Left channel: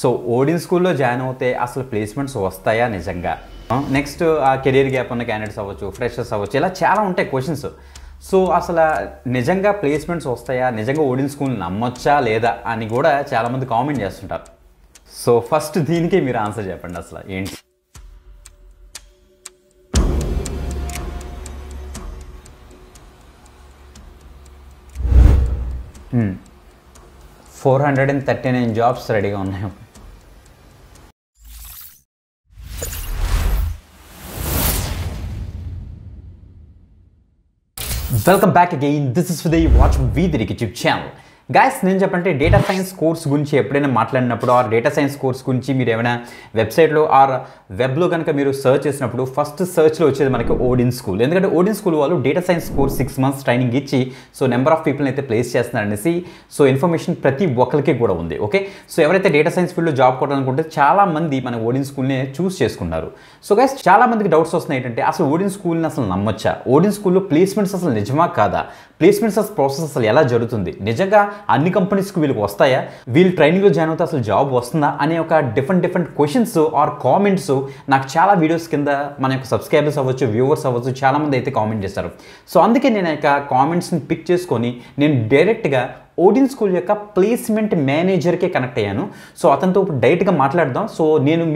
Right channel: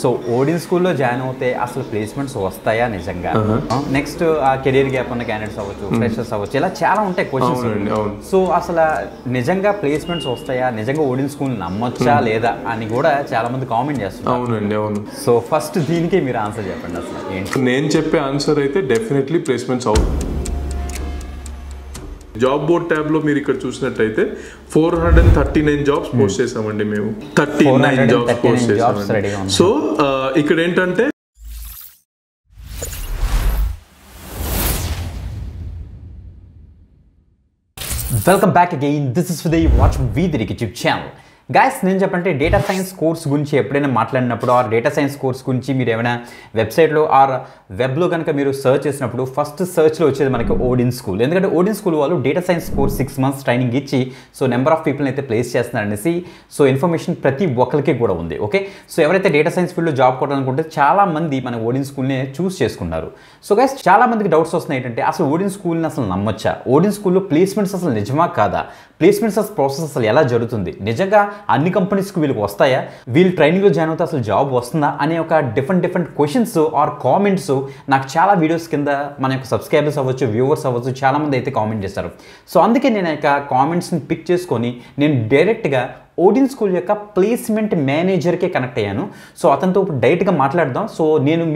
So Odin స్కూల్లో join అవుతే అసలు ప్లేస్మెంట్స్ వస్తాయా నిజంగా? నెక్స్ట్ ఆ కెరీర్ గ్యాప్ ఉన్న క్యాండిడేట్స్ అవ్వచ్చు, ఫ్రెషర్స్ అవ్వచ్చు, ఇలా చాలా ఉంటాయి క్వశ్చన్స్. సో అసలు నిజంగా ప్లేస్మెంట్స్ వస్తాయా, నిజంగా ఓడిన్ స్కూల్ నమ్మొచ్చా లేదా అని కూడా చాలా మంది కామెంట్ చేస్తున్నారు. సో ఫస్ట్ దీనికి మీరు ఆన్సర్ చెప్పండి. అసలు ఏంటి? నేను చెప్పే ఆన్సర్ అయితే డెఫినెట్లీ ప్లేస్మెంట్స్ అవుతుంది. జాబ్ బోర్డ్ ట్యాబ్ లో మీరు ఇక్కడ చూసినట్టయితే 439 జాబ్స్ పోస్ట్ చేసామండి మేము. 439 జాబ్స్ రెడీగా ఉన్నాయి. సో ఇక్కడ ఏంటంటే welcome back again. This is the watch వీధి యూట్యూబ్ ఛానల్. గైస్, నేను చెప్పంటే డేటా సైన్స్ కోర్స్ గురించి ఎప్పుడైనా మాట్లాడినప్పుడు ఆర్ డేటా సైన్స్ కోర్స్ గురించి మీరు ఏమైనా వెబ్సైట్లో ఆర్ వెబ్లో కనుక మీరు సర్చ్ చేసినప్పుడు ఫస్ట్ సర్చ్లో వచ్చేది మనకి ఓడిన్ స్కూల్. ఎందుకంటే ఓడిన్ స్కూల్ వాళ్ళు data science course 6 months training ఇచ్చి సో నెంబర్ ఆఫ్ పీపుల్ని అయితే ప్లేస్ చేస్తున్నారనేసి సో ఇన్ఫర్మేషన్ ప్రతి ఒక్కరికి కూడా ఉంది. ఓకే, సో ఎవరైతే డేటా సైన్స్ ఫీల్డ్లో జాబ్ కొట్టాలనుకుంటే చాలా మంది మన ఓడిన్ స్కూల్ని చూస్ చేసుకున్నారు. సో గైస్, చాలా మందికి డౌట్స్ వస్తున్నాయి ఏంటంటే అసలు ఓడిన్ స్కూల్ని అసలు నమ్మొచ్చా, ఓడిన్ స్కూల్లో ప్లేస్మెంట్స్ అసలు నిజమా కాదా, ప్లేస్మెంట్స్ ప్రాసెస్ అసలు ఎలా జరుగుతుంది, నిజంగా అన్ని కంపెనీస్కి వీళ్ళకి వస్తాయా, వీళ్ళు ట్రైనింగ్లో జాయిన్ అవుతే అసలు జాబ్ వస్తుందా అనే ఒక డిఫరెంట్ క్వశ్చన్స్ ఆర్ కామెంట్స్ నాకు చాలా వీడియోస్ కింద మన యొక్క సబ్స్క్రైబర్స్ అవ్వచ్చు, వ్యూవర్స్ అవ్వచ్చు, చాలామంది అయితే కామెంట్ చేస్తారు. సో అందుకే నేను యొక్క కామెంట్స్ని పిక్ చేసుకొని నేను డైరెక్ట్గా ఓడిన్ స్కూల్ యొక్క ప్లేస్మెంట్ మేనేజర్కే కనెక్ట్ అయ్యాను. సో అతనితో డైరెక్ట్గా మాట్లాడదాం. సో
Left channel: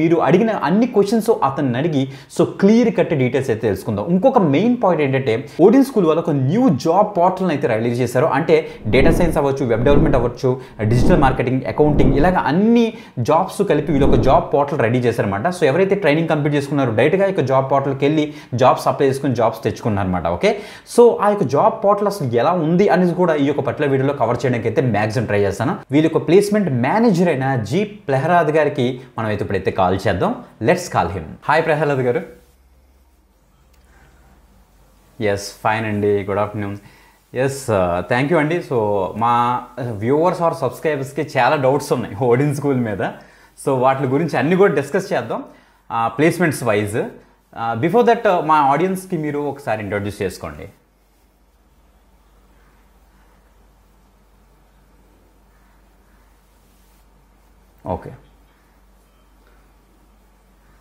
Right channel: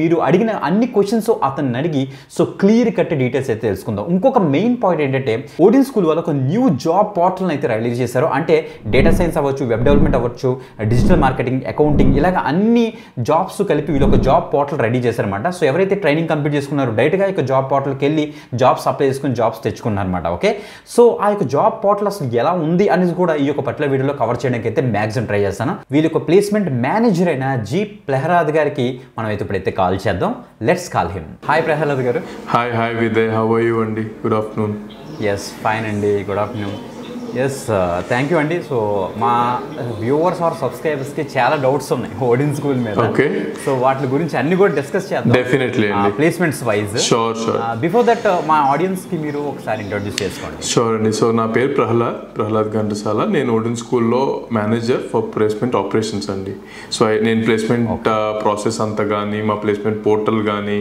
మీరు అడిగిన అన్ని క్వశ్చన్స్ అతన్ని అడిగి సో క్లియర్ కట్ డీటెయిల్స్ అయితే తెలుసుకుందాం. ఇంకొక మెయిన్ పాయింట్ ఏంటంటే ఓడిన్ స్కూల్ వాళ్ళు ఒక న్యూ జాబ్ పోర్టల్ని అయితే రిలీజ్ చేశారు. అంటే డేటా సైన్స్ అవ్వచ్చు, వెబ్ డెవలప్మెంట్ అవ్వచ్చు, డిజిటల్ మార్కెటింగ్, అకౌంటింగ్, ఇలాగ అన్ని జాబ్స్ కలిపి వీళ్ళు ఒక జాబ్ పోర్టల్ రెడీ చేశారనమాట. సో ఎవరైతే ట్రైనింగ్ కంప్లీట్ చేసుకున్నారో డైరెక్ట్గా ఈ జాబ్ పోర్టల్కి వెళ్ళి జాబ్స్ అప్లై చేసుకుని జాబ్స్ తెచ్చుకున్నారనమాట. ఓకే, సో ఆ యొక్క జాబ్ పోర్టల్ అసలు ఎలా ఉంది అనేది కూడా ఈ యొక్క పర్టికులర్ వీడియోలో కవర్ చేయడానికి అయితే మ్యాక్సిమం ట్రై చేస్తాను. వీళ్ళ యొక్క ప్లేస్మెంట్ మేనేజర్ అయిన జీ ప్రహ్లాద్ గారికి మనం అయితే ఇప్పుడైతే కాల్ చేద్దాం. Let's call him. Hi Prahlad గారు. Hi Vijay, how are you అండి? Good afternoon. ఎస్, ఫైన్ అండి, good afternoon. Yes, thank you అండి. సో మా వ్యూవర్స్ ఆర్ సబ్స్క్రైబర్స్కి చాలా డౌట్స్ ఉన్నాయి ఓడిన్ స్కూల్ మీద. సో వాటి గురించి అన్ని కూడా డిస్కస్ చేద్దాం definitely placements wise. Before that మా ఆడియన్స్కి మీరు ఒకసారి ఇంట్రొడ్యూస్ చేసుకోండి. షూర్ అండి. సో నా పేరు ప్రహ్లాద్ ఘంటసాల. నేను ఓడిన్ స్కూల్లో మేనేజర్ ఫర్ ప్లేస్మెంట్ ఆపరేషన్స్ అండి. సో నేను ప్లేస్మెంట్ ప్రాసెస్ అంతా కానీ, మా ప్లేస్మెంట్ పోర్టల్ కానీ,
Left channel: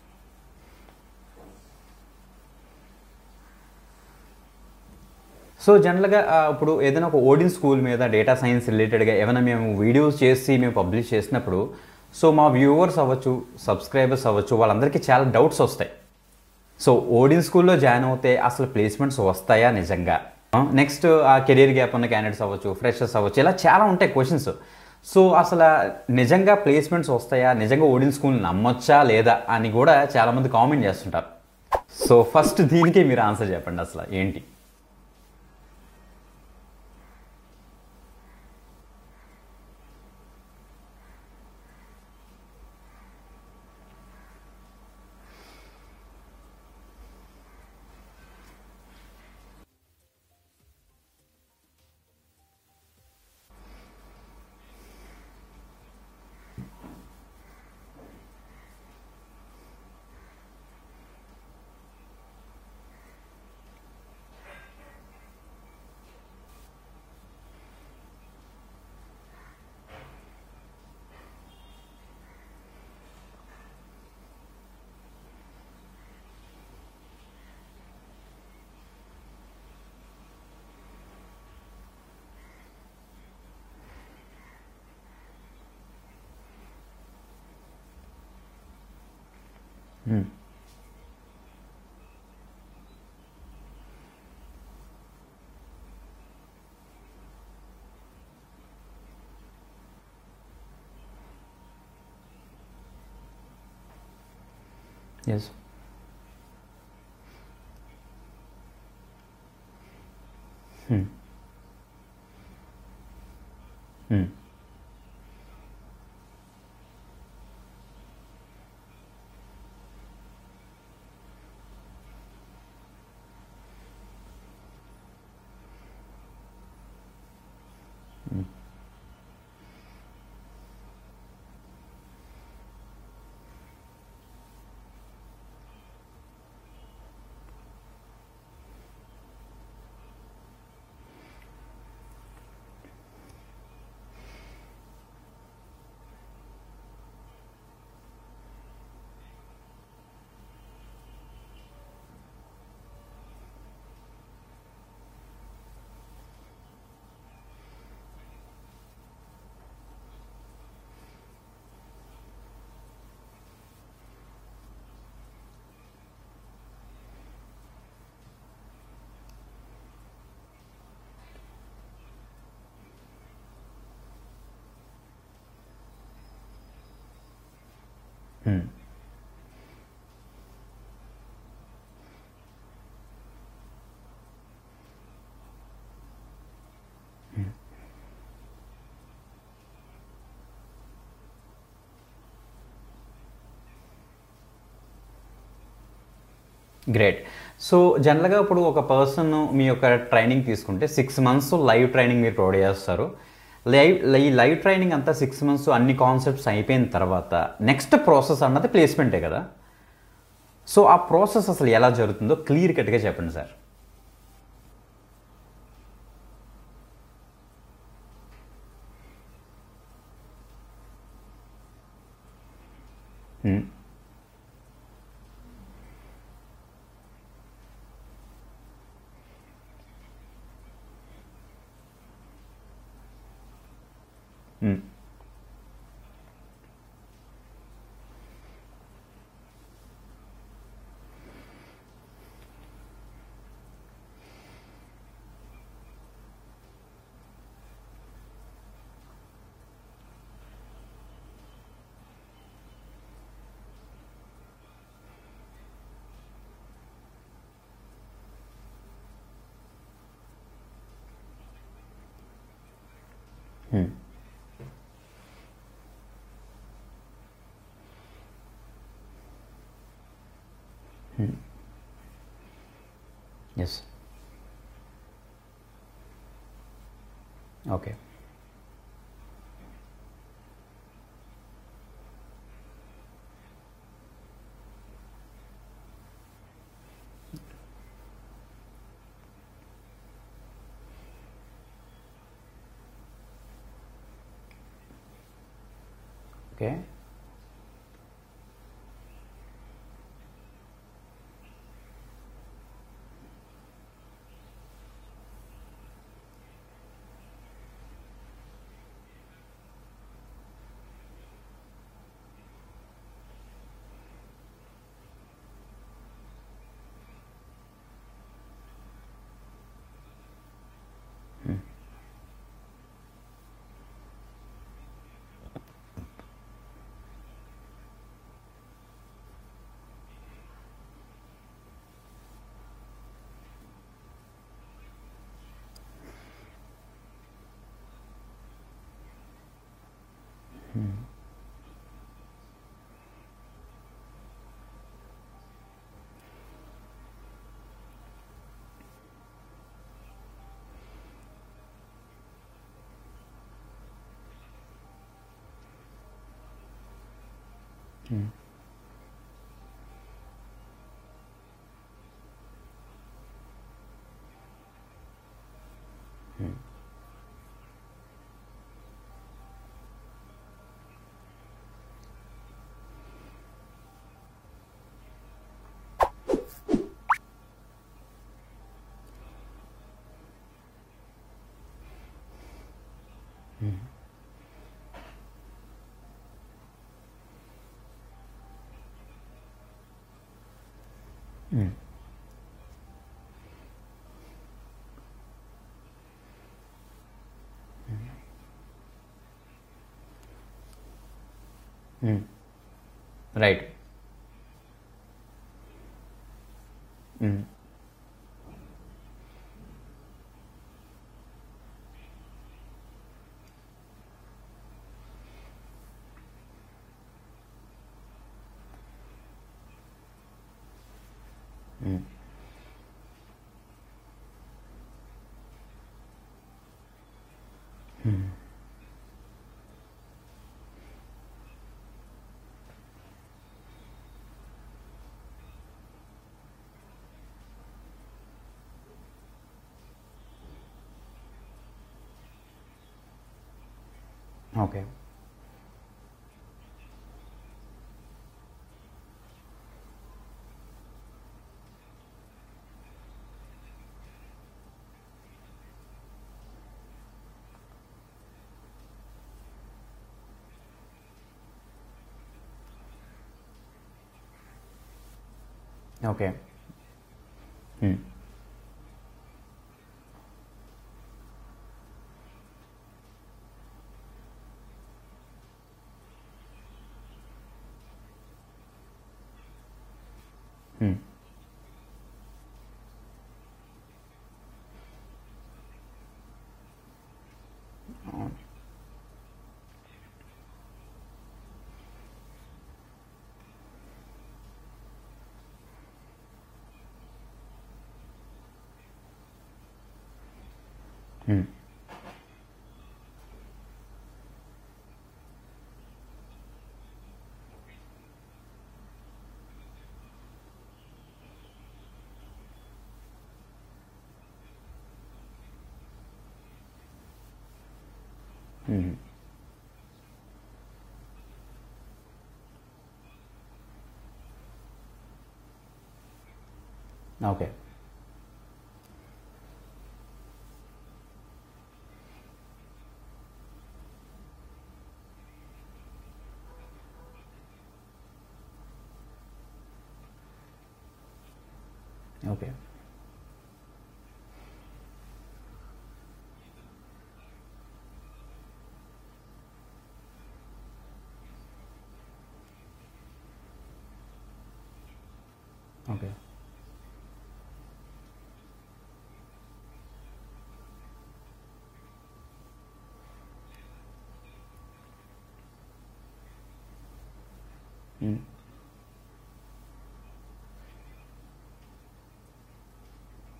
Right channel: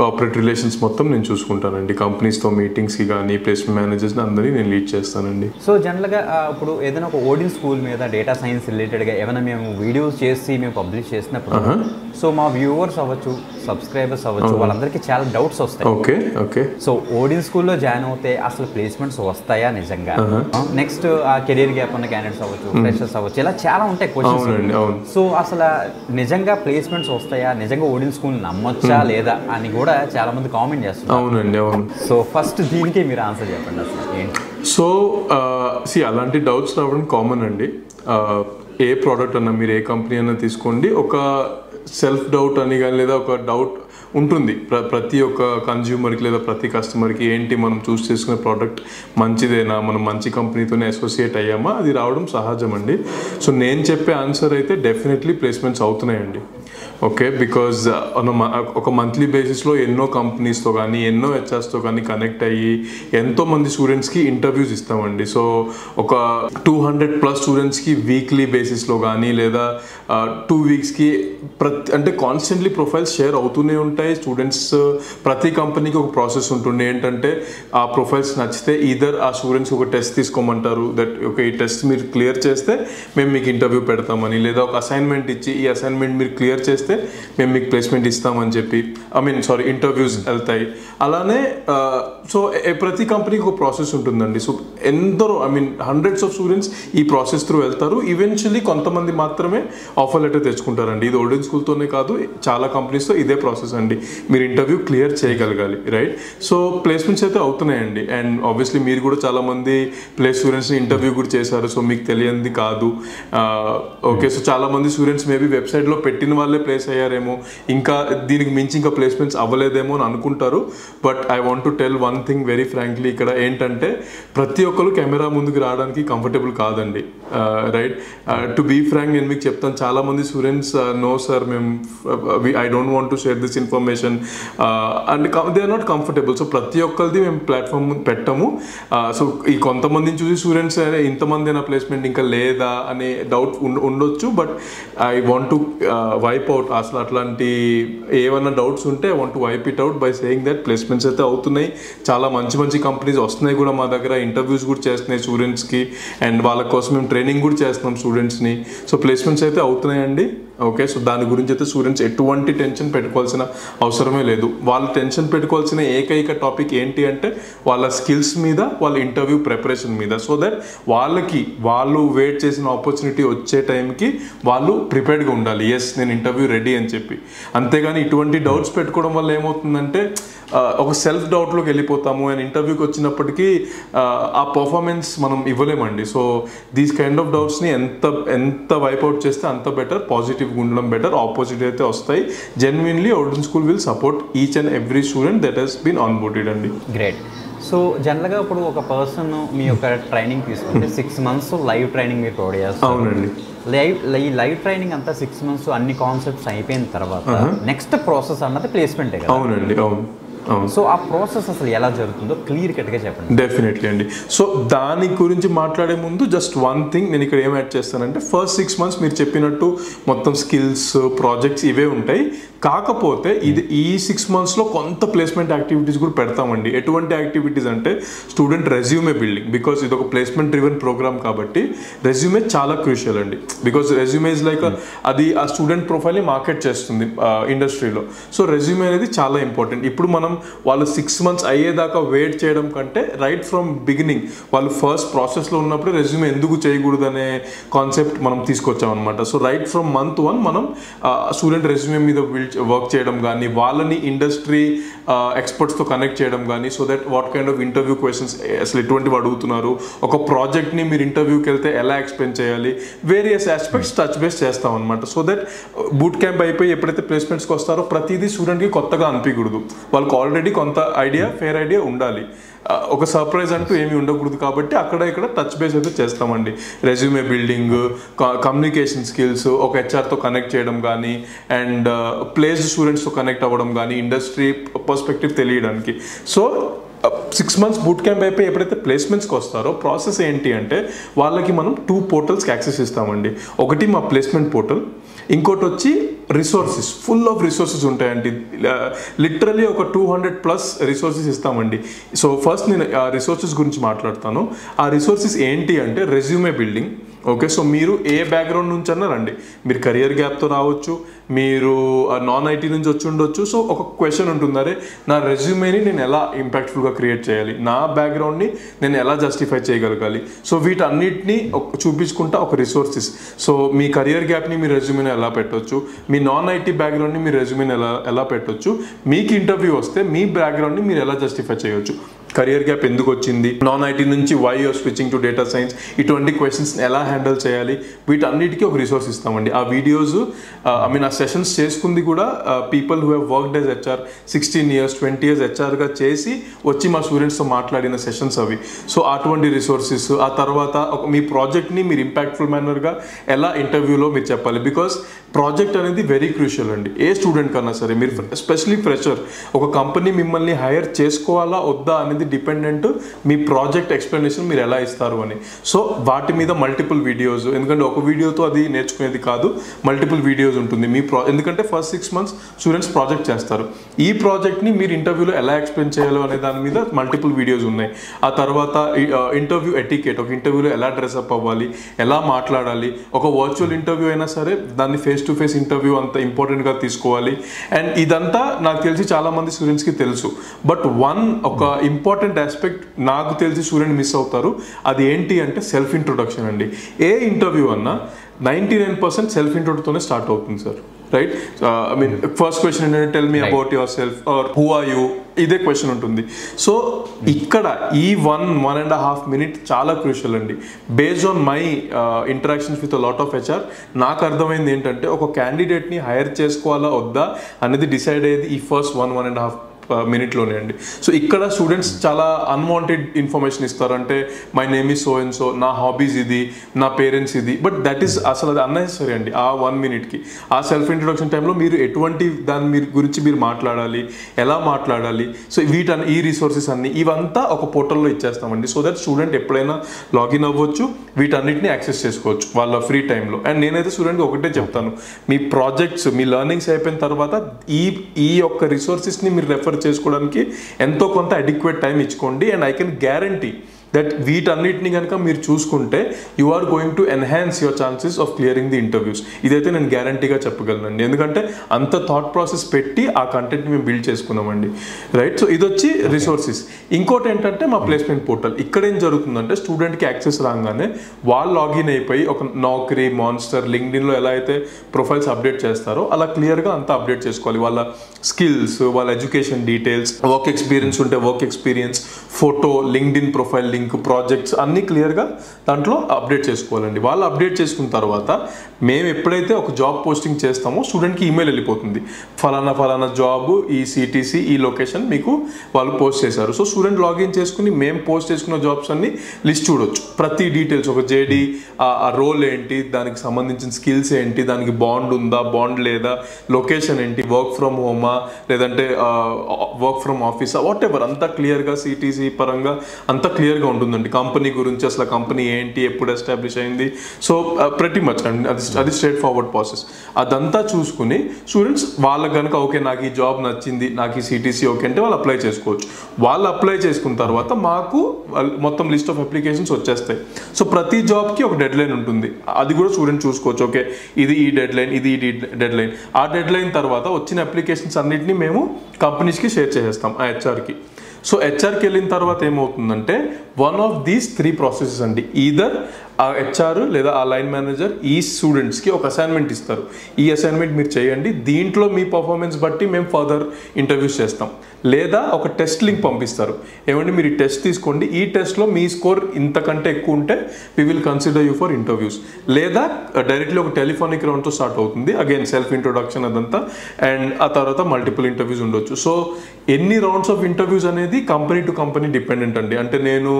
కార్పొరేట్ రిలేషన్స్ మొత్తం నేను చూసుకుంటానండి. కంపెనీస్తో మీటింగ్స్కి కానీ ప్లేస్మెంట్ మేనేజర్స్ని అందరినీ నేను లీడ్ చేస్తానండి. సో జనరల్గా ఇప్పుడు ఏదైనా ఒక ఓడిన్ స్కూల్ మీద డేటా సైన్స్ రిలేటెడ్గా ఏమైనా మేము వీడియోస్ చేసి మేము పబ్లిష్ చేసినప్పుడు సో మా వ్యూవర్స్ అవ్వచ్చు, సబ్స్క్రైబర్స్ అవ్వచ్చు, వాళ్ళందరికీ చాలా డౌట్స్ వస్తాయి. ఓకే. సో ఓడిన్ స్కూల్లో జాయిన్ అవుతే అసలు ప్లేస్మెంట్స్ వస్తాయా నిజంగా? నెక్స్ట్ ఆ కెరీర్ గ్యాప్ ఉన్న క్యాండిడేట్స్ అవ్వచ్చు, ఫ్రెషర్స్ అవ్వచ్చు, ఇలా చాలా ఉంటాయి క్వశ్చన్స్. సో అసలు నిజంగా ప్లేస్మెంట్స్ వస్తాయా, నిజంగా ఓడిన్ స్కూల్ నమ్మొచ్చా లేదా అని కూడా చాలా మంది కామెంట్ చేస్తున్నారు. సో ఫస్ట్ దీనికి మీరు ఆన్సర్ చెప్పండి. అసలు ఏంటి? సో అలాంటి డౌట్స్ రావడం కామన్ అండి. ఏ ప్రోడక్ట్ అన్నా, మీరు ఏ కంపెనీ అన్నా తీసుకోండి, ఒక సెల్ఫ్ డౌట్ అని కానీ లేదా ఒక డౌట్ ఉంటుంది ప్రతి ఒక్క కన్జ్యూమర్కి లేదా ప్రతి కస్టమర్కి. ఏంటి, మనం చూస్ చేసుకునే ప్రోడక్ట్ మంచిదేనా, మనం మంచి కంపెనీతోనే అసోసియేట్ అయ్యామా, అది రావడం సహజం అండి. సో నేను చెప్పే ఆన్సర్ అయితే డెఫినెట్లీ ప్లేస్మెంట్స్ అవుతున్నాయండి. ఓకే, బికాజ్ ఒక మంత్లీ బేసిస్లో ఎన్నో కంపెనీస్తో కానీ ఎన్నో హెచ్ఆర్స్తో కానీ కనెక్ట్ అయ్యి ఎంతోమంది స్టూడెంట్స్కి ఇంటర్వ్యూస్ ఇస్తామండి. సో ఒక 200+ స్టూడెంట్స్కి వీక్లీ బేసిస్లో కానీ లేదా 2 weeksకి అంటే కాన్స్టెంట్లీ ప్రొఫైల్స్ షేర్ అవుతూనే ఉంటాయి. స్టూడెంట్స్ ప్రతి కంపెనీకి ఒక ప్రాసెస్ ఉంటుంది. ఏంటంటే ఆ ప్రొఫైల్స్ నచ్చితే ఈదర్ ఆ స్టూడెంట్స్ ఒక టెస్ట్ తీసుకోమంటారు, దట్ ఓకే ఈ టెస్ట్ మీరు క్లియర్ చేస్తే మేము మీకు ఇంటర్వ్యూ పెడతామని, లేదా ఒక అసైన్మెంట్ ఇచ్చి ఈ అసైన్మెంట్ మీరు క్లియర్ చేస్తే మేము మీకు ప్లేస్మెంట్ ఇస్తామని చెప్పి ఇంటర్వ్యూస్ వెళ్తాయి. అలానే సో ప్రతి కంపెనీకి ఒక ప్రాసెస్ ఉంటుందండి. సో ఎందరో hundreds of స్టూడెంట్స్ ఈ ప్రాసెస్ త్రూ వెళ్తారు. ఈవెన్చువల్లీ కొంతమంది మాత్రమే ఆఫర్ లెటర్ తెచ్చుకుంటారండి. ఇది ఓడిన్ స్కూల్తోనే కాదు, చాలా కంపెనీస్తో ఇదే ప్రాసెస్ అండి. మీరు ఇంటర్వ్యూ క్లియర్ చేయగలగాలి, రైట్? సో ప్లేస్మెంట్స్ అయితే అవుతున్నాయండి. అండ్ ఆబ్వియస్లీ మీరు కూడా చాలా మంది ప్లేస్ స్టూడెంట్స్ని ఇంటర్వ్యూ కూడా చేశారు. సో మీకు తెలియంది కాదు. ఓకే, సో చాలా మంది స్టూడెంట్స్ మేబీ వెబ్సైట్లో పెట్టిన వాళ్ళే ప్లేస్ అయ్యారేమో, ఇంకా దీనికి మించి ఇంకా ప్లేస్మెంట్స్ అవ్వలేదేమో అని అనుకుంటారు. But I want to tell one thing very frankly. ఇక్కడ ఏంటంటే ప్రతి ఒక్కరు కెమెరా ముందుకు రావడానికి కంఫర్టబుల్ కాదండి, రైట్? టు బీ ఫ్రాంక్ నేను మీకు చెప్తాను, చాలా మంది students no sir I don't want to share this information and they are not comfortable. So ప్రతి ఒక్కరిది మేము ప్లాట్ఫామ్ పెట్టాము. సో ఈ కొంతమందిని చూసి స్టూడెంట్స్ ఇంతమంది అయినా ప్లేస్మెంట్ ఇంకా లేదా అనే డౌట్ ఉండొచ్చు. But I want to wipe out అసలు అట్లాంటి ఏమన్నా డౌట్స్ ఉంటే I want to wipe it out by saying that placements అయితే అవుతున్నాయి. చాలా మంచి మంచి కంపెనీస్ వస్తున్నాయి కూడా మా దగ్గర, ఇంటర్వ్యూస్ కూడా చేస్తున్నాయి స్టూడెంట్స్కి, అండ్ వాళ్ళ కోసం మేము ట్రైనింగ్ కూడా చేస్తున్నాం స్టూడెంట్స్ని. సో ప్లేస్మెంట్స్ అయితే అవుతున్నాయండి. ఓకే, సో దాని గురించి అయితే స్టూడెంట్స్ ఎటువంటి టెన్షన్ పెట్టుకోవాల్సిన అవసరమే లేదు. వాళ్ళు టెన్షన్ పెట్టుకోవాల్సిన ఏకైక టాపిక్ ఏంటి అంటే వాళ్ళ స్కిల్స్ మీద, వాళ్ళ ఇంటర్వ్యూ ప్రిపరేషన్ మీద. సో దట్ వాళ్ళు వెయిట్ చేసిన ఆపర్చునిటీ వచ్చే టైంకి వాళ్ళు ప్రిపేర్డ్గా ఉండాలి. ఎస్, నేను ఇంటర్వ్యూ రెడీ అని చెప్పి. అంతేగాని ఇటువంటి డౌట్స్ పెట్టుకోవడం వల్ల ఏమవుతుందంటే ఒక సెల్ఫ్ డౌట్లోకి వెళ్ళిపోతాము. అండ్ ఇంటర్వ్యూకి వచ్చినప్పటికీ ఆ పర్ఫార్మెన్స్ మనం ఇవ్వలేమండి. సో దీస్ కైండ్ ఆఫ్ డౌట్స్ని ఎంత వైప్అవుట్ చేస్తే అంత బెటర్, పాజిటివ్గా ఉండడం బెటర్. ఆపోజిట్ అయితే వస్తాయి. Genuinely olden school will support each and every student that he's been onboarded అండి. గ్రేట్. సో జనరల్గా ఇప్పుడు ఒక పర్సన్ మీ యొక్క ట్రైనింగ్ తీసుకుంటే 6 months లైవ్ ట్రైనింగ్ మీరు ప్రొవైడ్ చేస్తారు. ఈ లైవ్ ట్రైనింగ్ అంతా 6 months అన్ని కాన్సెప్ట్స్ అయిపోయిన తర్వాత నెక్స్ట్ ప్రాసెస్ అన్నది ప్లేస్మెంటే కదా? అవునండి, అవును. సో ఆ ప్రాసెస్ అసలు ఎలా జరుగుతుందో క్లియర్ కట్గా చెప్పండి. డెఫినెట్లీ అండి. సో దాని గురించి మాట్లాడే ముందు జస్ట్ వన్ థింగ్ నేను ఇక్కడ ఏం యాడ్ చేస్తానంటే, ఫస్ట్ 6 months మీరు చెప్పినట్టు మొత్తం స్కిల్స్, ప్రాజెక్ట్స్ ఇవే ఉంటాయి. కాకపోతే ఈ 6 monthsలో కొంత ప్లేస్మెంట్ యాక్టివిటీస్ కూడా పెడతామండి. ఎటువంటి యాక్టివిటీస్ అంటే స్టూడెంట్ రెజ్యూమే బిల్డింగ్. బికాస్ ఇది ఒక ప్లేస్మెంట్ డ్రివెన్ ప్రోగ్రామ్ కాబట్టి రెజ్యూమే చాలా క్రూషియల్ అండి. బికాస్ రెజ్యూమే ఇస్ లైక్ అది ఆ స్టూడెంట్ ప్రొఫైల్ని మార్కెట్ చేస్తుంది ఇండస్ట్రీలో. సో రెజ్యూమే అనేది చాలా ఇంపార్టెంట్. ఇప్పుడు మనం వాళ్ళు 6 months అయ్యేదాకా వెయిట్ చేయడం కంటే రైట్ ఫ్రమ్ బిగినింగ్ వాళ్ళు ఫస్ట్ ప్రాసెస్లో ఉన్నప్పుడు రెజ్యూమే ఎందుకు చేయకూడదు అనే కాన్సెప్ట్ మనం తీసుకొచ్చాం అనమాట. సో రైట్ ఫ్రమ్ month 1 మనం స్టూడెంట్ రెజ్యూమే మీద వర్క్ చేయడం కానీ, వాళ్ళని ఇండస్ట్రీ ఎక్స్పర్ట్స్తో కనెక్ట్ చేయడం కానీ, so that what kind of interview questions అసలు ఎటువంటివి అడుగుతున్నారు, ఒక ప్రాజెక్ట్ని మీరు ఇంటర్వ్యూకి వెళ్తే ఎలా ఎక్స్ప్లెయిన్ చేయాలి, వేరియస్ ఆస్పెక్ట్స్ టచ్ బేస్ చేస్తాం అనమాట. సో దట్ బూట్ క్యాంప్ అయిపోయి ఎప్పుడైతే ప్లేస్మెంట్స్కి వస్తారో ప్రతిదీ స్టూడెంట్కి కొత్తగా అనిపించకూడదు. వాళ్ళకి ఆల్రెడీ కొంత ఫేర్ ఐడియా ఉండాలి. ఒక సర్ప్రైజ్ అంటూ ఏమీ ఉండకూడదు. కాబట్టి అక్కడ ఇక్కడ టచ్ బేస్ అయితే చేస్తామండి. రెజ్యూమే బిల్డింగ్, కమ్యూనికేషన్ స్కిల్స్, ఒక హెచ్ఆర్తో కనెక్ట్ చేయడం కానీ, అండ్ ప్లేస్డ్ స్టూడెంట్స్తో కనెక్ట్ అవ్వడం కానీ, ఇండస్ట్రీ పర్స్పెక్టివ్ తెలియడానికి. సో 6 months బూట్ క్యాంప్ అయిపోయి ఎప్పుడైతే ప్లేస్మెంట్స్కి వస్తారో ప్రాసెస్ ఏంటి అంటే వాళ్ళకి మనం 2 portals యాక్సెస్ ఇస్తామండి. ఒకటి మా ప్లేస్మెంట్ పోర్టల్, ఇంకోటి వచ్చి రిసోర్సెస్. ఫుల్ ఆఫ్ రిసోర్సెస్ ఉంటాయండి. లిటరలీ ఒక 200+ రిసోర్సెస్ ఇస్తామండి. సో ఫస్ట్ నేను ఆ రిసోర్సెస్ గురించి మాట్లాడతాను. ఆ రిసోర్సెస్ ఏంటి అంటే రెజ్యూమే బిల్డింగ్. ఓకే, సో మీరు ఏ బ్యాక్గ్రౌండ్ నుంచి అన్నా రండి. మీరు కెరియర్ గ్యాప్తో రావచ్చు, మీరు నాన్ ఐటీ నుంచి వచ్చి ఉండొచ్చు. సో ఒక క్వశ్చన్ ఉంటుంది, అరే నా రెజ్యూమేని నేను ఎలా ఇంపాక్ట్ఫుల్గా క్రియేట్ చేయాలి, నా బ్యాక్గ్రౌండ్ని నేను ఎలా జస్టిఫై చేయగలగాలి. సో వీటన్నిటిని చూపించుకుంటా ఒక రిసోర్సెస్. సో మీ కెరియర్ గ్యాప్ని మీ రెజ్యూమేని ఎలా పెట్టవచ్చు, మీ నాన్ ఐటీ బ్యాక్గ్రౌండ్ని మీ రెజ్యూమేని ఎలా పెట్టవచ్చు, మీకు ఇంటర్వ్యూ వస్తే మీ బ్యాక్గ్రౌండ్ని మీరు ఎలా జస్టిఫై చేయవచ్చు, కెరియర్ గ్యాప్ ఎందుకు వచ్చింది, నాన్ ఐటీ నుంచి why you're switching to data science, ఇటువంటి క్వశ్చన్స్ ఎలా హ్యాండిల్ చేయాలి, వీటన్నిటికీ ఒక రిసోర్స్ ఇస్తామండి. ఆ వీడియోస్ ఆ సెషన్స్ చేసుకుంది కూడా people who have worked as HR 16 years 20 years హెచ్ఆర్గా చేసి వచ్చి మా స్టూడెంట్స్తో మాట్లాడిన సెషన్స్ అవి. సో అటువంటి రిసోర్సెస్. ఆ తర్వాత మీ ప్రాజెక్ట్ని మీరు ఇంపాక్ట్ఫుల్ మేనర్గా ఎలా ఇంటర్వ్యూలో మీరు చెప్పాలి. బికాస్ ప్రాజెక్ట్ అనేది వెరీ క్రూషియల్ అండి. ఏ స్టూడెంట్ కన్నా సరే, మీరు ఎస్పెషలీ ఫ్రెషర్, ఒక కంపెనీ మిమ్మల్ని హైర్ చేసుకోవాలా వద్దా అనేది డిపెండెంట్ మీ ప్రాజెక్ట్ ఎక్స్ప్లెనేషన్ మీరు ఎలా ఇస్తారు అని. సో వాటి మీద మల్టిపుల్ వీడియోస్, ఎందుకంటే ఒక వీడియోతో అది నేర్చుకునేది కాదు, మల్టిపుల్ వీడియోస్ ఉంటుంది. ఎందుకంటే ఫస్ట్ 6 months స్టూడెంట్స్ ప్రాజెక్ట్ చేస్తారు. ఈ ప్రాజెక్ట్ని మీరు ఇంటర్వ్యూలో ఎలా ఎక్స్ప్లెయిన్ చేయాలో అనే దాని మీద మల్టిపుల్ వీడియోస్ ఉన్నాయి. ఆ తర్వాత ఇంటర్వ్యూ ఎటికేట్, ఒక ఇంటర్వ్యూలో ఎలా డ్రెస్అప్ అవ్వాలి, ఎలా మాట్లాడాలి, ఒక వర్చువల్ ఇంటర్వ్యూ అయినా సరే దాన్ని ఫేస్ టు ఫేస్ ఇంటర్వ్యూ అంత ఇంపార్టెంట్గా తీసుకోవాలి. అండ్ ఇదంతా నాకు తెలిసి చాలా మంది స్టూడెంట్స్కి తెలుసు. బట్ ఒక ఇంపార్టెంట్ ఆస్పెక్ట్ నాకు తెలిసి స్టూడెంట్ మిస్ అవుతారు. అది ఏంటి అంటే సెల్ఫ్ ఇంట్రొడక్షన్ అండి. ఏ ఇంటర్వ్యూ అన్నా 99% సెల్ఫ్ ఇంట్రొడక్టర్తోనే స్టార్ట్ అవుతుంది sir. Right, I mean first question ఏంటంటే tell me about yourself or who are you, ఇదే క్వశ్చన్ ఉంటుంది. సో ఇక్కడ ఈ 1.5 minutes చాలా క్రూషియల్ అండి. Based on my interactions with lot of HR నాకు అర్థమైంది ఏంటంటే ఒక క్యాండిడేట్ని హైర్ చేసుకోవాలా వద్దా అనేది డిసైడ్ అయ్యేది ఈ ఫస్ట్ 1.5 మినిట్లోనే అండి. సో ఇక్కడ స్టూడెంట్స్ చాలా అన్వాంటెడ్ ఇన్ఫర్మేషన్ ఇస్తారు. అంటే my name is so and so, నా హాబీస్ ఇది, నా పేరెంట్స్ ఇది, బట్ దట్ ఈస్ అసలు అది అన్నెసరీ అండి. ఆ 1 minute ఆ సెల్ఫ్ ఇంట్రొడక్షన్ టైంలో మీరు ఎటువంటి దాని గురించి మీరు మాట్లాడాలి, ఎలా మాట్లాడాలి, సో ఈ రిసోర్సెస్ అన్ని ఇవంతా ఒక పోర్టల్లో ఇచ్చేస్తామండి. సో దట్ స్టూడెంట్ ఎప్పుడైనా లాగిన్ అవ్వచ్చు, వీటన్నిటిని యాక్సెస్ చేసుకోవచ్చు వాళ్ళ ఫ్రీ టైంలో. అండ్ నేనైతే స్టూడెంట్కి ఒకటే చెప్తాను, మీ ప్రాజెక్ట్స్, మీ లెర్నింగ్స్ అయిపోయిన తర్వాత ఈ యొక్క రిసోర్సెస్ని మీరు రెఫర్ చేసుకోవడానికి ఎంతో కొంత అడిక్వేట్ టైం ఇచ్చుకోండి. And I can guarantee that వీటన్నిటిని కనుక మీరు చూసుకుంటే you are going to enhance your chances of clearing the interviews. ఇదైతే నేను గ్యారంటీగా చెప్పగలనండి, ఎందుకంటే అంత థాట్ ప్రాసెస్ పెట్టి ఆ కంటెంట్ని మేము బిల్డ్ చేసుకున్నామండి, రైట్. సో ఇది వచ్చి రిసోర్సెస్. ఇంకోటి ఏంటంటే మా ప్లేస్మెంట్ పోర్టల్. ఇక్కడ ఏం జరుగుతుందంటే స్టూడెంట్కి యాక్సెస్ రాగానే వాళ్ళు లాగిన్ అయిపోయి ఒక నౌకరీ, మాన్స్టర్, లింక్డ్ఇన్లో ఎలా అయితే ప్రొఫైల్స్ అప్డేట్ చేస్తారో అలా క్లియర్గా అంతా అప్డేట్ చేసుకోవాలి. వాళ్ళ స్కిల్స్, వాళ్ళ ఎడ్యుకేషన్ డీటెయిల్స్, వర్క్ ఎక్స్పీరియన్స్ ఉంటే work experience, photo, LinkedIn profile link, projects అన్నీ క్లియర్గా దాంట్లో అప్డేట్ చేసుకోవాలండి. వాళ్ళు అప్డేట్ చేసుకున్న తర్వాత మేము ఎప్పుడైతే ఒక జాబ్ పోస్టింగ్ చేస్తామో స్టూడెంట్కి ఈమెయిల్ వెళ్ళిపోతుంది, ఫలానా జాబ్, ఈ సిటీసీ, ఈ లొకేషన్ మీకు వాళ్ళు పోస్ట్ చేశారు. సో స్టూడెంట్ లాగిన్ చేసుకుని మేము పోస్ట్ చేసుకున్న జాబ్స్ అన్ని లిస్ట్ చూడొచ్చు, ప్రతి డీటెయిల్స్, ఒక జేడీ, ఆ రోల్ ఏంటి, దానికి సంబంధించిన స్కిల్స్ ఏంటి, దానికి బాండ్ ఉందా, బాండ్ లేదా, లొకేషన్ ఏంటి, వర్క్ ఫ్రమ్ హోమా లేదంటే వర్క్ ఫ్రమ్ ఆఫీసా, వాట్ ఎవర్, అంతా క్లియర్గా సిటీసీ పరంగా అంతా క్లియర్గా ఉంటుందండి. కంపెనీ గురించి అసలు కంపెనీ ఏంటి, ఎప్పుడు ఎస్టాబ్లిష్ అయింది, సో ప్రతి మచ్ అండి అది స్ట్రేట్ ఫార్వర్డ్ ప్రాసెస్. అదంతా చూసుకుని స్టూడెంట్స్ వాళ్ళకి కనుక ఓకే నాకు ఈ జాబ్ నచ్చింది, నాకు ఈ సిటీసీ ఓకే అంటే వాళ్ళు అప్లై చేసుకోవచ్చు. వాళ్ళు అప్లై చేసుకున్న తర్వాత మాకు మొత్తం లిస్ట్ ఆఫ్ అప్లికేషన్స్ వచ్చేస్తాయి. సో ప్రతి జాబ్కి ఒక డెడ్ లైన్ ఉంటుంది, అది కూడా స్టూడెంట్ చూసుకోవచ్చు. ఓకే ఇది ఈ డెడ్ లైన్, ఇది ఈ డెడ్ లైన్. ఆ డెడ్ లైన్ తర్వాత వచ్చిన అప్లికేషన్స్ అన్నింటినీ మేము కంపెనీస్కి షేర్ చేసేస్తాం, ఆ హెచ్ఆర్కి. సో హెచ్ఆర్కి వెళ్ళిన తర్వాత ఏమవుతుందంటే వన్ ఆఫ్ దీస్ 3 ప్రాసెసెస్ అండి, ఈదర్ ఆ హెచ్ఆర్ లేదా ఆ లైన్ మేనేజర్ ఈ స్టూడెంట్స్కి ఒక అసైన్మెంట్ ఇస్తారు, ఈ అసైన్మెంట్ మీరు చేయండి, దీంట్లో మీ పర్ఫార్మెన్స్ బట్టి మేము ఫర్దర్ ఇంటర్వ్యూస్ చేస్తాం, లేదా ఒక టెస్ట్ లింక్ పంపిస్తారు, ఏమంటే మీరు ఈ టెస్ట్ తీసుకోండి, ఈ టెస్ట్లో మీ స్కోర్ ఇంతకంటే ఎక్కువ ఉంటే we will consider you for interviews, లేదా డైరెక్ట్లీ ఒక టెలిఫోనిక్ రౌండ్తో స్టార్ట్ అవుతుంది, అగైన్ సెల్ఫ్ ఇంట్రొడక్షన్ అదంతా, అండ్ ఆ తర్వాత మల్టిపుల్ ఇంటర్వ్యూస్ ఉండొచ్చు. సో ఎన్ని రౌండ్స్ ఆఫ్ ఇంటర్వ్యూస్ అనేది కంపెనీ టు కంపెనీ డిపెండెంట్ అండి. అంటే నేను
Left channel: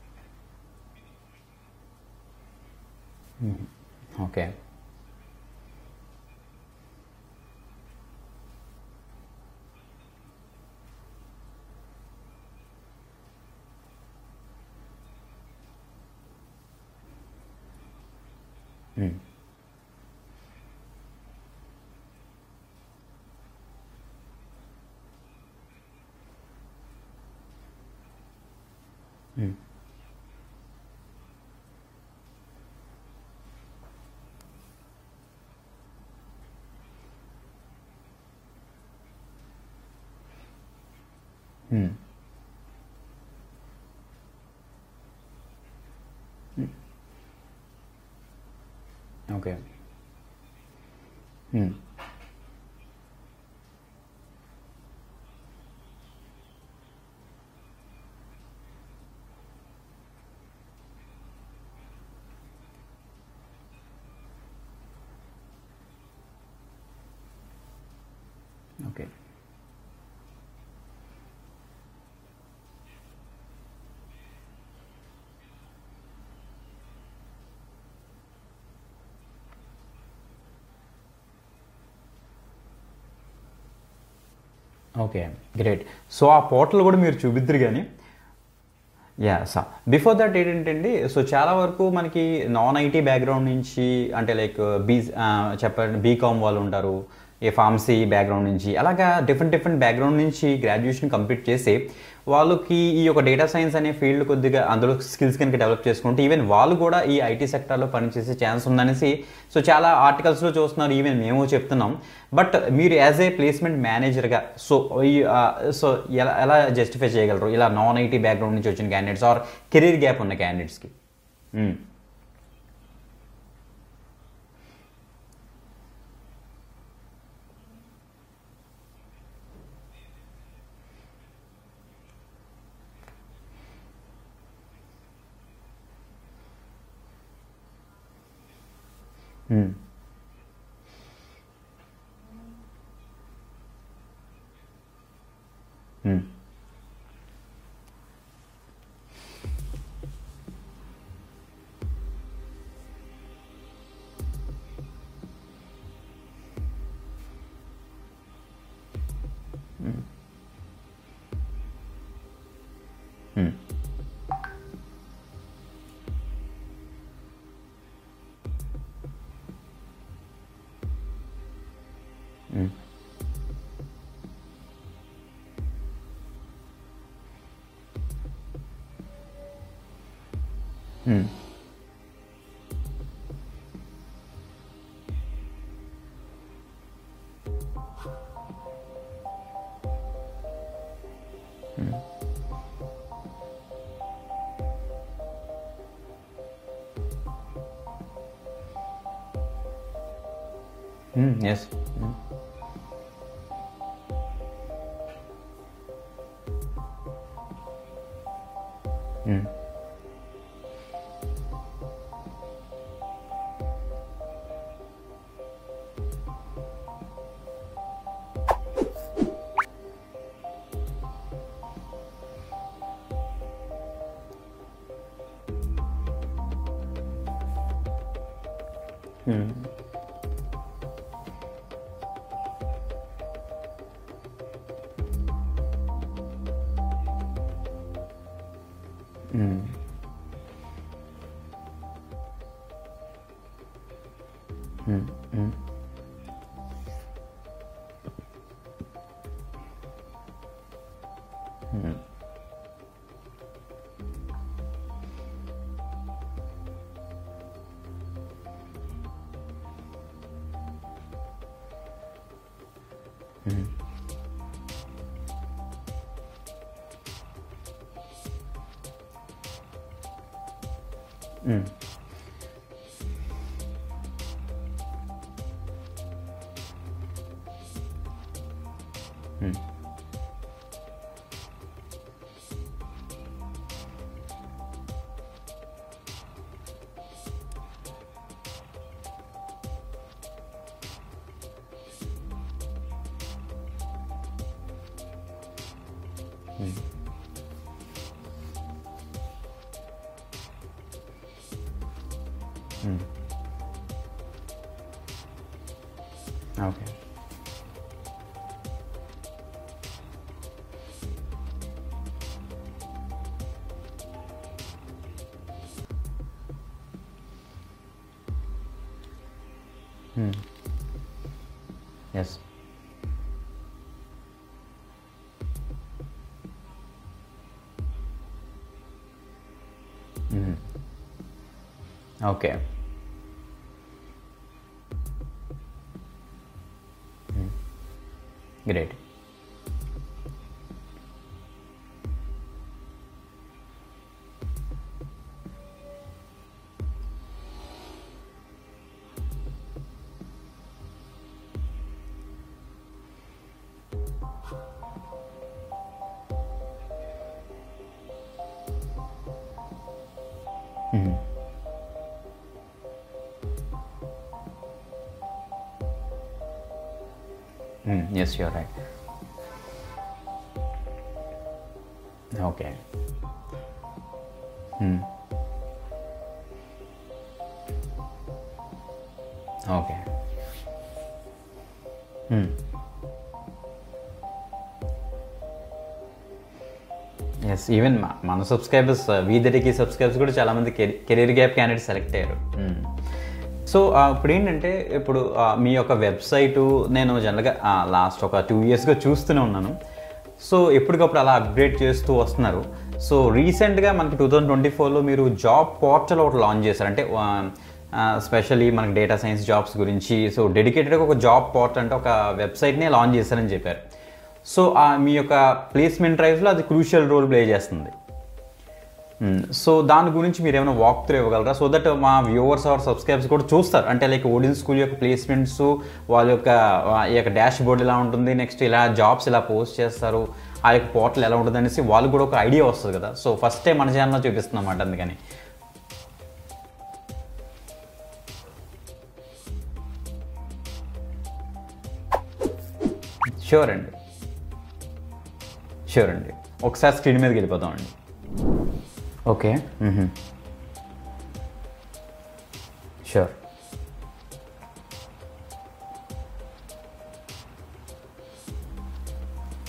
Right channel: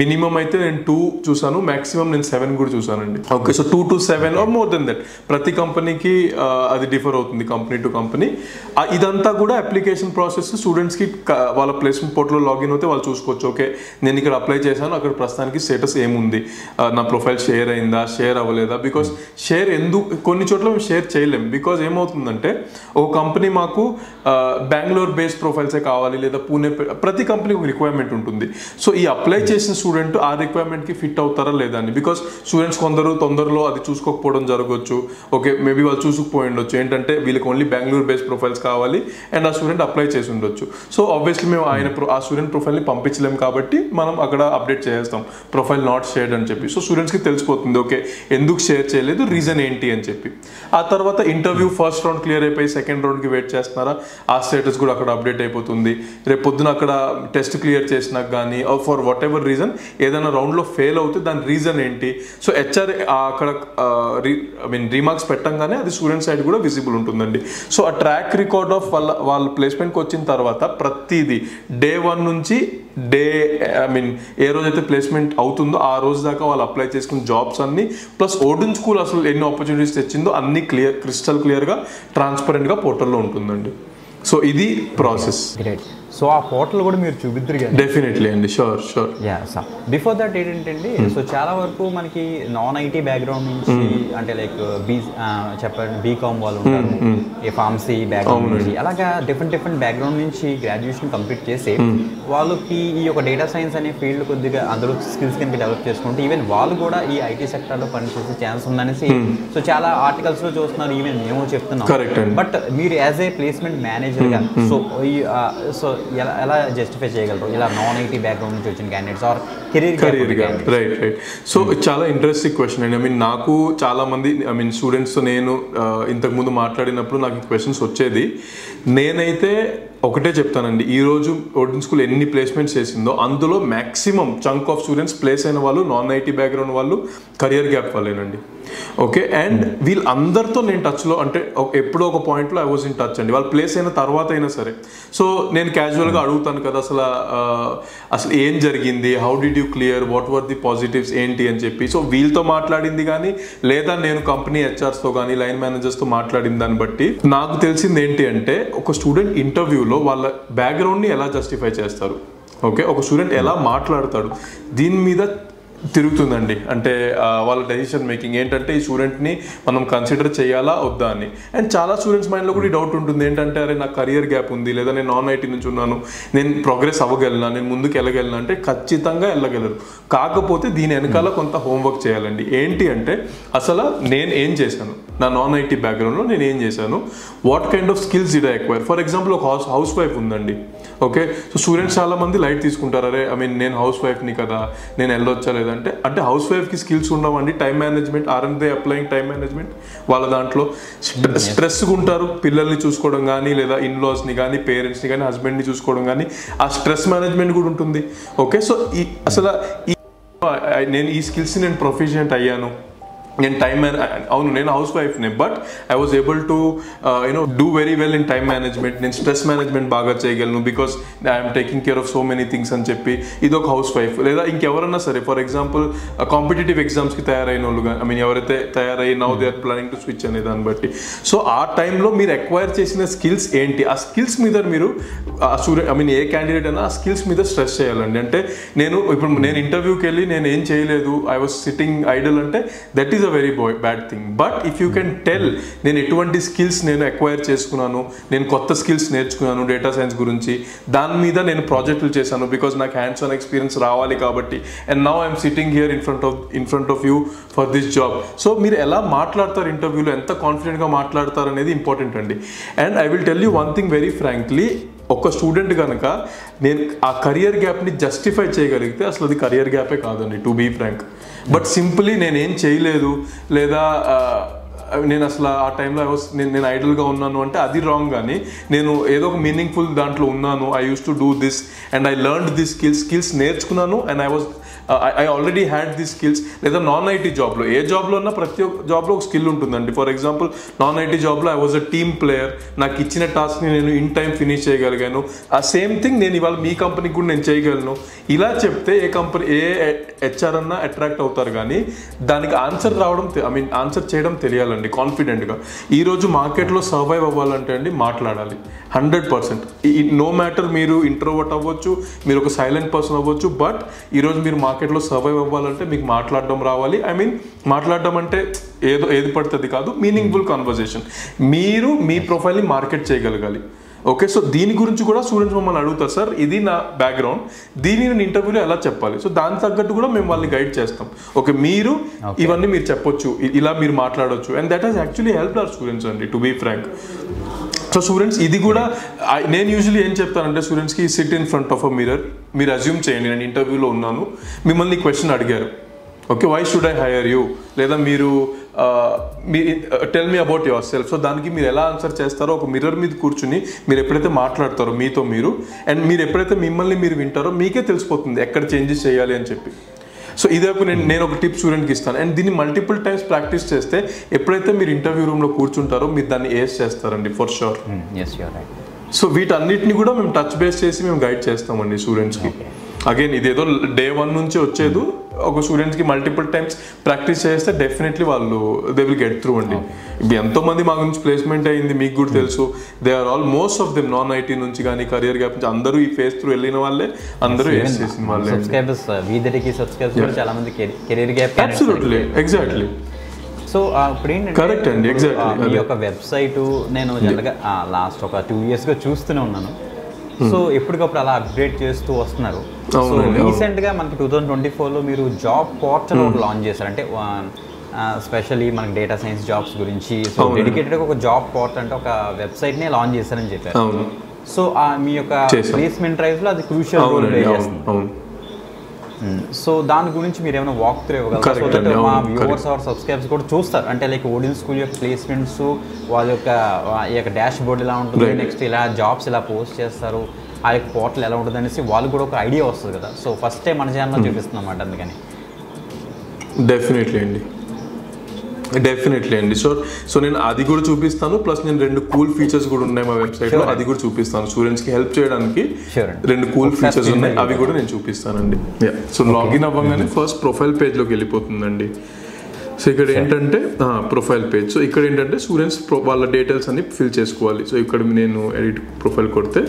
మినిమం అయితే నేను 2 చూసాను, మాక్సిమం నేను 7 కూడా చూసానండి. Okay, so 2 to 7 or more than that, ప్రతి కంపెనీకి అది డిఫర్ అవుతుంది కంపెనీ టు కంపెనీ. ఇదంతా కూడా అప్లికేషన్ ప్రాసెస్ స్టూడెంట్స్కి వాళ్ళ ప్లేస్మెంట్ పోర్టల్లో లాగిన్ అవుతే వాళ్ళు చూసుకోవచ్చు. ఓకే నేను ఇక్కడ అప్లై చేశాను, అక్కడ ప్రస్తుతానికి స్టేటస్ ఏముంది, నా ప్రొఫైల్ షేర్ అయిందా, షేర్ అవ్వలేదా, బికాస్ షేర్ కొన్ని చోట్ల మేము షేర్ చేయలేము, బికాజ్ ఏమవుతుందంటే ఒక కంపెనీ మాకు బెంగళూరు బేస్డ్ ప్రొఫైల్సే కావాలి, లేదా పూణే, ప్రతి కంపెనీ ఒక రిక్వైర్మెంట్ ఉంటుంది. సో ఈ అప్లై చేసిన స్టూడెంట్ ఆ రిక్వైర్మెంట్కి ఫిట్ అవుతారా లేదా అని, బికాస్ స్టూడెంట్స్ కొందరు తొందరలో అది చూసుకోకపోవడం జరగవచ్చు. ఓకే మేబీ వాళ్ళు చూసుకుపోయి ఉండొచ్చు, ఏంటంటే వీళ్ళకి ఓన్లీ బెంగళూరు బేస్డ్ ప్రొఫైల్స్ కావాలి అండ్ ఆ స్టూడెంట్ అప్లై చేసి ఉండొచ్చు. సో ఆబ్వియస్లీ మేము ఆ స్టూడెంట్ ప్రొఫైల్ని పంపించలేము కాబట్టి మనం అక్కడ అప్డేట్ చేస్తాం, ప్రొఫైల్ నాట్ షేర్డ్ అని చెప్పి. సో స్టూడెంట్స్కి తెలిసిపోతుంది ఓకే ఎందుకు షేర్ చేయలేదు, రీజన్ ఏంటి అని చెప్పి. ఆ తర్వాత ఇంటర్వ్యూ ఫస్ట్ రౌండ్ క్లియర్ అయిపోయి సెకండ్ రౌండ్కి వెయిట్ చేస్తున్నారా, ఆ స్టేటస్ కూడా అక్కడ అప్డేట్ అయిపోతుంది. రేపు పొద్దున అక్కడ టెస్ట్ క్లియర్ చేసినాక కానీ ఫర్ వాట్ ఎవర్ రీజన్ ఏదైనా రౌండ్లో ఫెయిల్ అవుతే దాని రీజన్ ఏంటి, సో హెచ్ఆర్ అక్కడ రీమార్క్స్ పెట్టంగానే అది స్టూడెంట్ సైడ్ కూడా విజిబుల్ ఉంటుందండి. సో ఆ ట్రాక్ రికార్డ్ ఆఫ్ వాళ్ళ ప్లేస్మెంట్కి వచ్చిన తర్వాత ప్రతిదీ డే 1 నుంచి ఏ రోజైతే ప్లేస్మెంట్ అవుతుందో ఆ రోజు దాకా వాళ్ళు అప్లై చేసుకున్న జాబ్స్ అన్ని ప్లస్ ఓడెన్ స్కూల్ అసలు ఎన్ని ఆపర్చునిటీస్ తెచ్చిందో అన్ని క్రిస్టల్ క్లియర్గా ట్రాన్స్పరెంట్గా పోర్టల్లో ఉంటుందండి. సో ఇది ప్రాసెస్. గ్రేట్. సో ఆ పోర్టల్ కూడా మీరు చూపిద్దరు కానీ డెఫినెట్లీ అండి, sure. Yeah sir. Before that ఏంటండి, సో చాలా వరకు మనకి నాన్ ఐటీ బ్యాక్గ్రౌండ్ నుంచి అంటే లైక్ చెప్పండి బీకామ్ వాళ్ళు ఉంటారు, ఏ ఫార్మసీ బ్యాక్గ్రౌండ్ నుంచి, అలాగా డిఫరెంట్ బ్యాక్గ్రౌండ్ నుంచి గ్రాడ్యుయేషన్ కంప్లీట్ చేసి వాళ్ళకి ఈ యొక్క డేటా సైన్స్ అనే ఫీల్డ్ కొద్దిగా అందులో స్కిల్స్ కనుక డెవలప్ చేసుకుంటే ఈవెన్ వాళ్ళు కూడా ఈ ఐటీ సెక్టర్లో పనిచేసే ఛాన్స్ ఉందనేసి సో చాలా ఆర్టికల్స్లో చూస్తున్నారు, ఈవెన్ మేము చెప్తున్నాం. బట్ మీరు యాజ్ ఏ ప్లేస్మెంట్ మేనేజర్గా సో ఎలా జస్టిఫై చేయగలరు ఇలా నాన్ ఐటీ బ్యాక్గ్రౌండ్ నుంచి వచ్చిన క్యాండిడేట్స్ ఆర్ కెరీర్ గ్యాప్ ఉన్న క్యాండిడేట్స్? రైట్. సో చాలా ఇంట్రెస్టింగ్ క్వశ్చన్ అండి. నాకు చాలా మంది స్టూడెంట్స్ నేను ఇంతకుముందు మాట్లాడినప్పుడు నాకు క్వశ్చన్స్ వచ్చేది. నేనైతే ఒకటే చెప్తానండి, ఈరోజు ఓడెన్ స్కూల్ ఎన్ని ప్లేస్మెంట్స్ చేసిందో అందులో maximum chunk of students place అయిన వాళ్ళు నాన్ ఐటీ బ్యాక్గ్రౌండ్ వాళ్ళు కెరియర్ గ్యాప్ వాళ్ళేనండి. ఓకే, అండ్ వీళ్ళందరితో నేను టచ్లో, అంటే ఎప్పుడో ఒక పాయింట్లో ఐ వాజ్ ఇన్ టచ్ అండి. వాళ్ళు ప్లేస్ అయిన తర్వాత అయినా సరే. సో నేను క్యాజువల్గా అడుగుతాను కదా, అసలు ఏం జరిగింది, how did you clear, what were the positives ఏంటి అని చెప్పి. సో వీళ్ళతో మాట్లాడింది కానీ లేదా నేను కంపెనీ హెచ్ఆర్స్తో కానీ లైన్ మేనేజర్స్తో మాట్లాడిన దాన్ని బట్టి నాకు తెలిసింది ఏంటి అంటే, ఒక స్టూడెంట్ ఇంటర్వ్యూలో వాళ్ళ బ్యాక్గ్రౌండ్ని ఎలా జస్టిఫై చేస్తారు, ఓకే, ఒక స్టూడెంట్ ఎలా మాట్లాడతాడు, దీని మీద తిరుగుతుందండి. అంటే వాళ్ళ డెసిషన్ మేకింగ్ ఏంటంటే ఈ స్టూడెంట్ని మనం కన్సిడర్ చేయాలా వద్దా అని. అండ్ చాలా స్టూడెంట్స్ మైండ్లో కూడా ఈ డౌట్ ఉంటుంది ఏంటంటే, అరే నాకు కెరియర్ గ్యాప్ ఉంది, లేదా నేను నాన్ ఐటీ నుంచి ఉన్నాను, నేను ప్రోగ్రెస్ అవ్వగలనా, నేను ముందుకు వెళ్ళగలనా అంటే ఖచ్చితంగా వెళ్ళగలరు. కాకపోతే దీని వెనకాల కొంత హోంవర్క్ చేయాలండి. ఏంటి అంటే, అసలు నేను ఏం చేశాను, నా నాన్ ఐటీ బ్యాక్గ్రౌండ్లో నేను ఏం చేశాను, what kind of skills did I acquire. For example ఒక హౌస్ వైఫ్ ఉందండి, ఓకే, సో స్టూడెంట్స్ చాలా మంది లైట్ తీసుకుంటారు, అరే నేను హౌస్ వైఫ్ని కదా, నేను వెళ్ళొచ్చా లేదంటే. అంటే హౌస్ వైఫ్కి స్కిల్స్ ఉండవండి, time management, RN they applying time management వాళ్ళ దాంట్లో. స్ట్రెస్గా ఉంటారు, పిల్లల్ని చూసుకోవడం కానీ లేదా ఇన్లాస్ని కానీ పేరెంట్స్ని కానీ హస్బెండ్ని చూసుకోవడం కానీ, ఆ స్ట్రెస్ మేనేజ్మెంట్ కూడా ఉంటుంది. ఓకే, సో నేను ఈ స్కిల్స్ని నేను ప్రొఫిషియెంట్ అయ్యాను, నేను అవును నేను హౌస్ వైఫ్నే, but I was able to do very well in time management, నేను స్ట్రెస్ మేనేజ్మెంట్ బాగా చేయగలను because I'm taking care of so many things అని చెప్పి ఇది ఒక హౌస్ వైఫ్. లేదా ఇంకెవరన్నా సరే, ఫర్ ఎగ్జాంపుల్ కాంపిటేటివ్ ఎగ్జామ్స్కి తయారైన వాళ్ళు కానీ, ఎవరైతే తయారై now they are planning to switch అనే దాన్ని బట్టి. సో ఆ టైంలో మీరు అక్వైర్ చేసిన స్కిల్స్ ఏంటి, ఆ స్కిల్స్ మీద మీరు స్టూడెంట్ ఏ క్యాండిడేట్ అయినా ఆ స్కిల్స్ మీద స్ట్రెస్ చేయాలండి. అంటే నేను ఇంటర్వ్యూకి వెళ్ళి నేను ఏం చేయలేదు, ఐ వాజ్ సిట్టింగ్ ఐడల్ అంటే that is very bad thing. But if you can tell నేను ఎటువంటి స్కిల్స్ నేను అక్వైర్ చేసుకున్నాను, నేను కొత్త స్కిల్స్ నేర్చుకున్నాను డేటా సైన్స్ గురించి, దాని మీద నేను ప్రాజెక్టులు చేశాను బికాస్ నాకు హ్యాండ్స్ ఆన్ ఎక్స్పీరియన్స్ రావాలి కాబట్టి, and now I'm sitting here in front of you for this job. So మీరు ఎలా మాట్లాడతారు ఇంటర్వ్యూలో, ఎంత కాన్ఫిడెంట్గా మాట్లాడతారు అనేది ఇంపార్టెంట్ అండి. And I will tell you one thing very frankly, ఒక స్టూడెంట్ కనుక నేను ఆ కెరియర్ గ్యాప్ని జస్టిఫై చేయగలిగితే అసలు అది కెరియర్ గ్యాపే కాదండి, to be frank. But simply నేనేం చేయలేదు లేదా నేను అసలు ఆ టైంలో నేను ఐడల్గా ఉన్నాను అంటే అది రాంగ్. కానీ నేను ఏదో ఒక మీనింగ్ఫుల్ దాంట్లో ఉన్నాను, I use to do this and I learned this skills నేర్చుకున్నాను and I already had this skills. లేదా నాన్ ఐటీ జాబ్లో, ఏ జాబ్లో ఉన్నా ప్రతి ఒక్క జాబ్లో ఒక స్కిల్ ఉంటుందండి. ఫర్ ఎగ్జాంపుల్ నాన్ ఐటీ జాబ్లో I was a team player, నాకు ఇచ్చిన టాస్క్ని నేను ఇన్ టైం ఫినిష్ చేయగలిగాను. ఆ సేమ్ థింగ్ నేను ఇవాళ మీ కంపెనీకి కూడా నేను చేయగలను. ఇలా చెప్తే ఏ హెచ్ఆర్ అన్నా అట్రాక్ట్ అవుతారు. కానీ దానికి ఆన్సర్ ఆన్సర్ చేయడం తెలియాలండి కాన్ఫిడెంట్గా. ఈరోజు మార్కెట్లో సర్వైవ్ అవ్వాలంటే అండి మాట్లాడాలి 100%. నో మ్యాటర్ మీరు ఇంట్రోవర్ట్ అవ్వచ్చు, మీరు ఒక సైలెంట్ పర్సన్ అవ్వచ్చు, బట్ ఈరోజు మీరు మార్కెట్లో సర్వైవ్ అవ్వాలంటే మీకు మాట్లాడడం రావాలి. మాట్లాడడం అంటే ఏది పడుతుంది కాదు, మీనింగ్ఫుల్ కాన్వర్జేషన్. మీరు మీ ప్రొఫైల్ని మార్కెట్ చేయగలగాలి. ఓకే, సో దీని గురించి కూడా స్టూడెంట్స్ మమ్మల్ని అడుగుతారు, సార్ ఇది నా బ్యాక్గ్రౌండ్, దీన్ని నేను ఇంటర్వ్యూలో ఎలా చెప్పాలి. సో దానికి తగ్గట్టు కూడా మేము వాళ్ళని గైడ్ చేస్తాం. ఓకే, మీరు ఇవన్నీ మీరు చెప్పొచ్చు, ఇలా మీరు మాట్లాడవచ్చు. And that has actually help our students అండి, to be frank. So students ఇది కూడా నేను యూజువల్లీ ఏం చెప్తానంటే స్టూడెంట్స్కి, sit in front of a mirror, మీరు అజ్యూమ్ చేయండి నేను ఇంటర్వ్యూలో ఉన్నాను, మిమ్మల్ని క్వశ్చన్ అడిగారు, okay, why should I hire you, లేదా మీరు tell me about yourself. So దానికి మీరు ఎలా ఆన్సర్ చేస్తారో ఒక మిర్రర్ మీద కూర్చుని మీరు ఎప్పుడైతే మాట్లాడతారో మీతో మీరు, అండ్ మీరు ఎప్పుడైతే మిమ్మల్ని మీరు వింటారో మీకే తెలిసిపోతుంది ఎక్కడ చేంజెస్ చేయాలి అని చెప్పి. సో ఇదే నేను ఒక టిప్ స్టూడెంట్కి ఇస్తాను. అండ్ దీన్ని మల్టిపుల్ టైమ్స్ ప్రాక్టీస్ చేస్తే ఎప్పుడైతే మీరు ఇంటర్వ్యూ రూమ్లో కూర్చుంటారో మీరు దాన్ని ఏస్ చేస్తారండి ఫర్ షూర్. సో వీటన్నిటిని కూడా మేము టచ్ బేస్ చేసి మేము గైడ్ చేస్తామండి స్టూడెంట్స్కి. అగైన్ ఇదేదో డే 1 నుంచి వచ్చేది, ఒక స్టూడెంట్స్కి మల్టిపుల్ టైమ్స్ ప్రాక్టీస్ చేస్తే డెఫినెట్లీ వాళ్ళు దే విల్ గెట్ త్రూ అండి. ఇప్పుడు ఎంతో మంది మా గురించి ప్లేస్మెంట్ అయ్యింది, మీకు కూడా తెలుసు. They are all most of them non IT నుంచి కానీ కెరియర్ గ్యాప్ నుంచి అందరూ ఈ ఫేస్ త్రూ వెళ్ళిన వాళ్ళే, అందరూ సబ్స్క్రైబర్స్ వీదరికి సబ్స్క్రైబర్స్ కూడా చాలా మంది career gap candidates. Exactly. So ఇప్పుడు ఏంటంటే మీ యొక్క వెబ్సైట్ నేను జనరల్గా లాస్ట్ ఒక 2 yearsగా చూస్తూనే ఉన్నాను. సో ఎప్పటికప్పుడు అలా అప్గ్రేడ్ చేస్తూ వస్తున్నారు. సో రీసెంట్గా మనకి 2024లో మీరు జాబ్ పోర్టల్ ఒకటి లాంచ్ చేశారు. అంటే స్పెషల్లీ మనకి డేటా సైన్స్ జాబ్స్ గురించి. సో డెడికేటెడ్గా ఒక జాబ్ పోర్టల్ అంటే ఒక వెబ్సైట్నే లాంచ్ చేశారని చెప్పారు. సో మీ యొక్క ప్లేస్మెంట్ డ్రైవ్లో అది క్రూషియల్ రోల్ ప్లే చేస్తుంది. సో దాని గురించి మీరు ఏమైనా వాక్ త్రూ ఇవ్వగలరా? సో దట్ మా వ్యూవర్స్ ఆర్ సబ్స్క్రైబర్స్ కూడా చూస్తారు, అంటే లైక్ ఓడియన్ స్కూల్ యొక్క ప్లేస్మెంట్స్, వాళ్ళ యొక్క డాష్ బోర్డ్ ఎలా ఉంటుంది, నెక్స్ట్ ఇలా జాబ్స్ ఎలా పోస్ట్ చేస్తారు, ఆ యొక్క పోర్టల్ ఎలా ఉంటుంది అనేసి వాళ్ళకి కూడా ఒక ఐడియా వస్తుంది కదా. సో ఫస్ట్ టైం మన ఛానల్లో చూపిస్తున్నాం అన్నమాట, అందుకని. డెఫినెట్లీ అండి. సో నేను అది కూడా చూపిస్తాను, ప్లస్ నేను 2 కూల్ ఫీచర్స్ కూడా ఉన్నాయి మా వెబ్సైట్ లో, అది కూడా చూపిస్తాను. స్టూడెంట్స్ కి హెల్ప్ చేయడానికి 2 కూల్ ఫీచర్స్ ఉన్నాయి, అవి కూడా నేను చూపిస్తానండి. సో లాగిన్ అవ్వగానే ఫస్ట్ ప్రొఫైల్ పేజ్ లోకి వెళ్ళిపోతుందండి. సో ఇక్కడ ఏంటంటే ప్రొఫైల్ పేజ్. సో ఇక్కడ ఏంటంటే స్టూడెంట్స్ వాళ్ళ డీటెయిల్స్ అన్ని ఫిల్ చేసుకోవాలి. సో ఇక్కడ నేను ఎడిట్ ప్రొఫైల్ కొడితే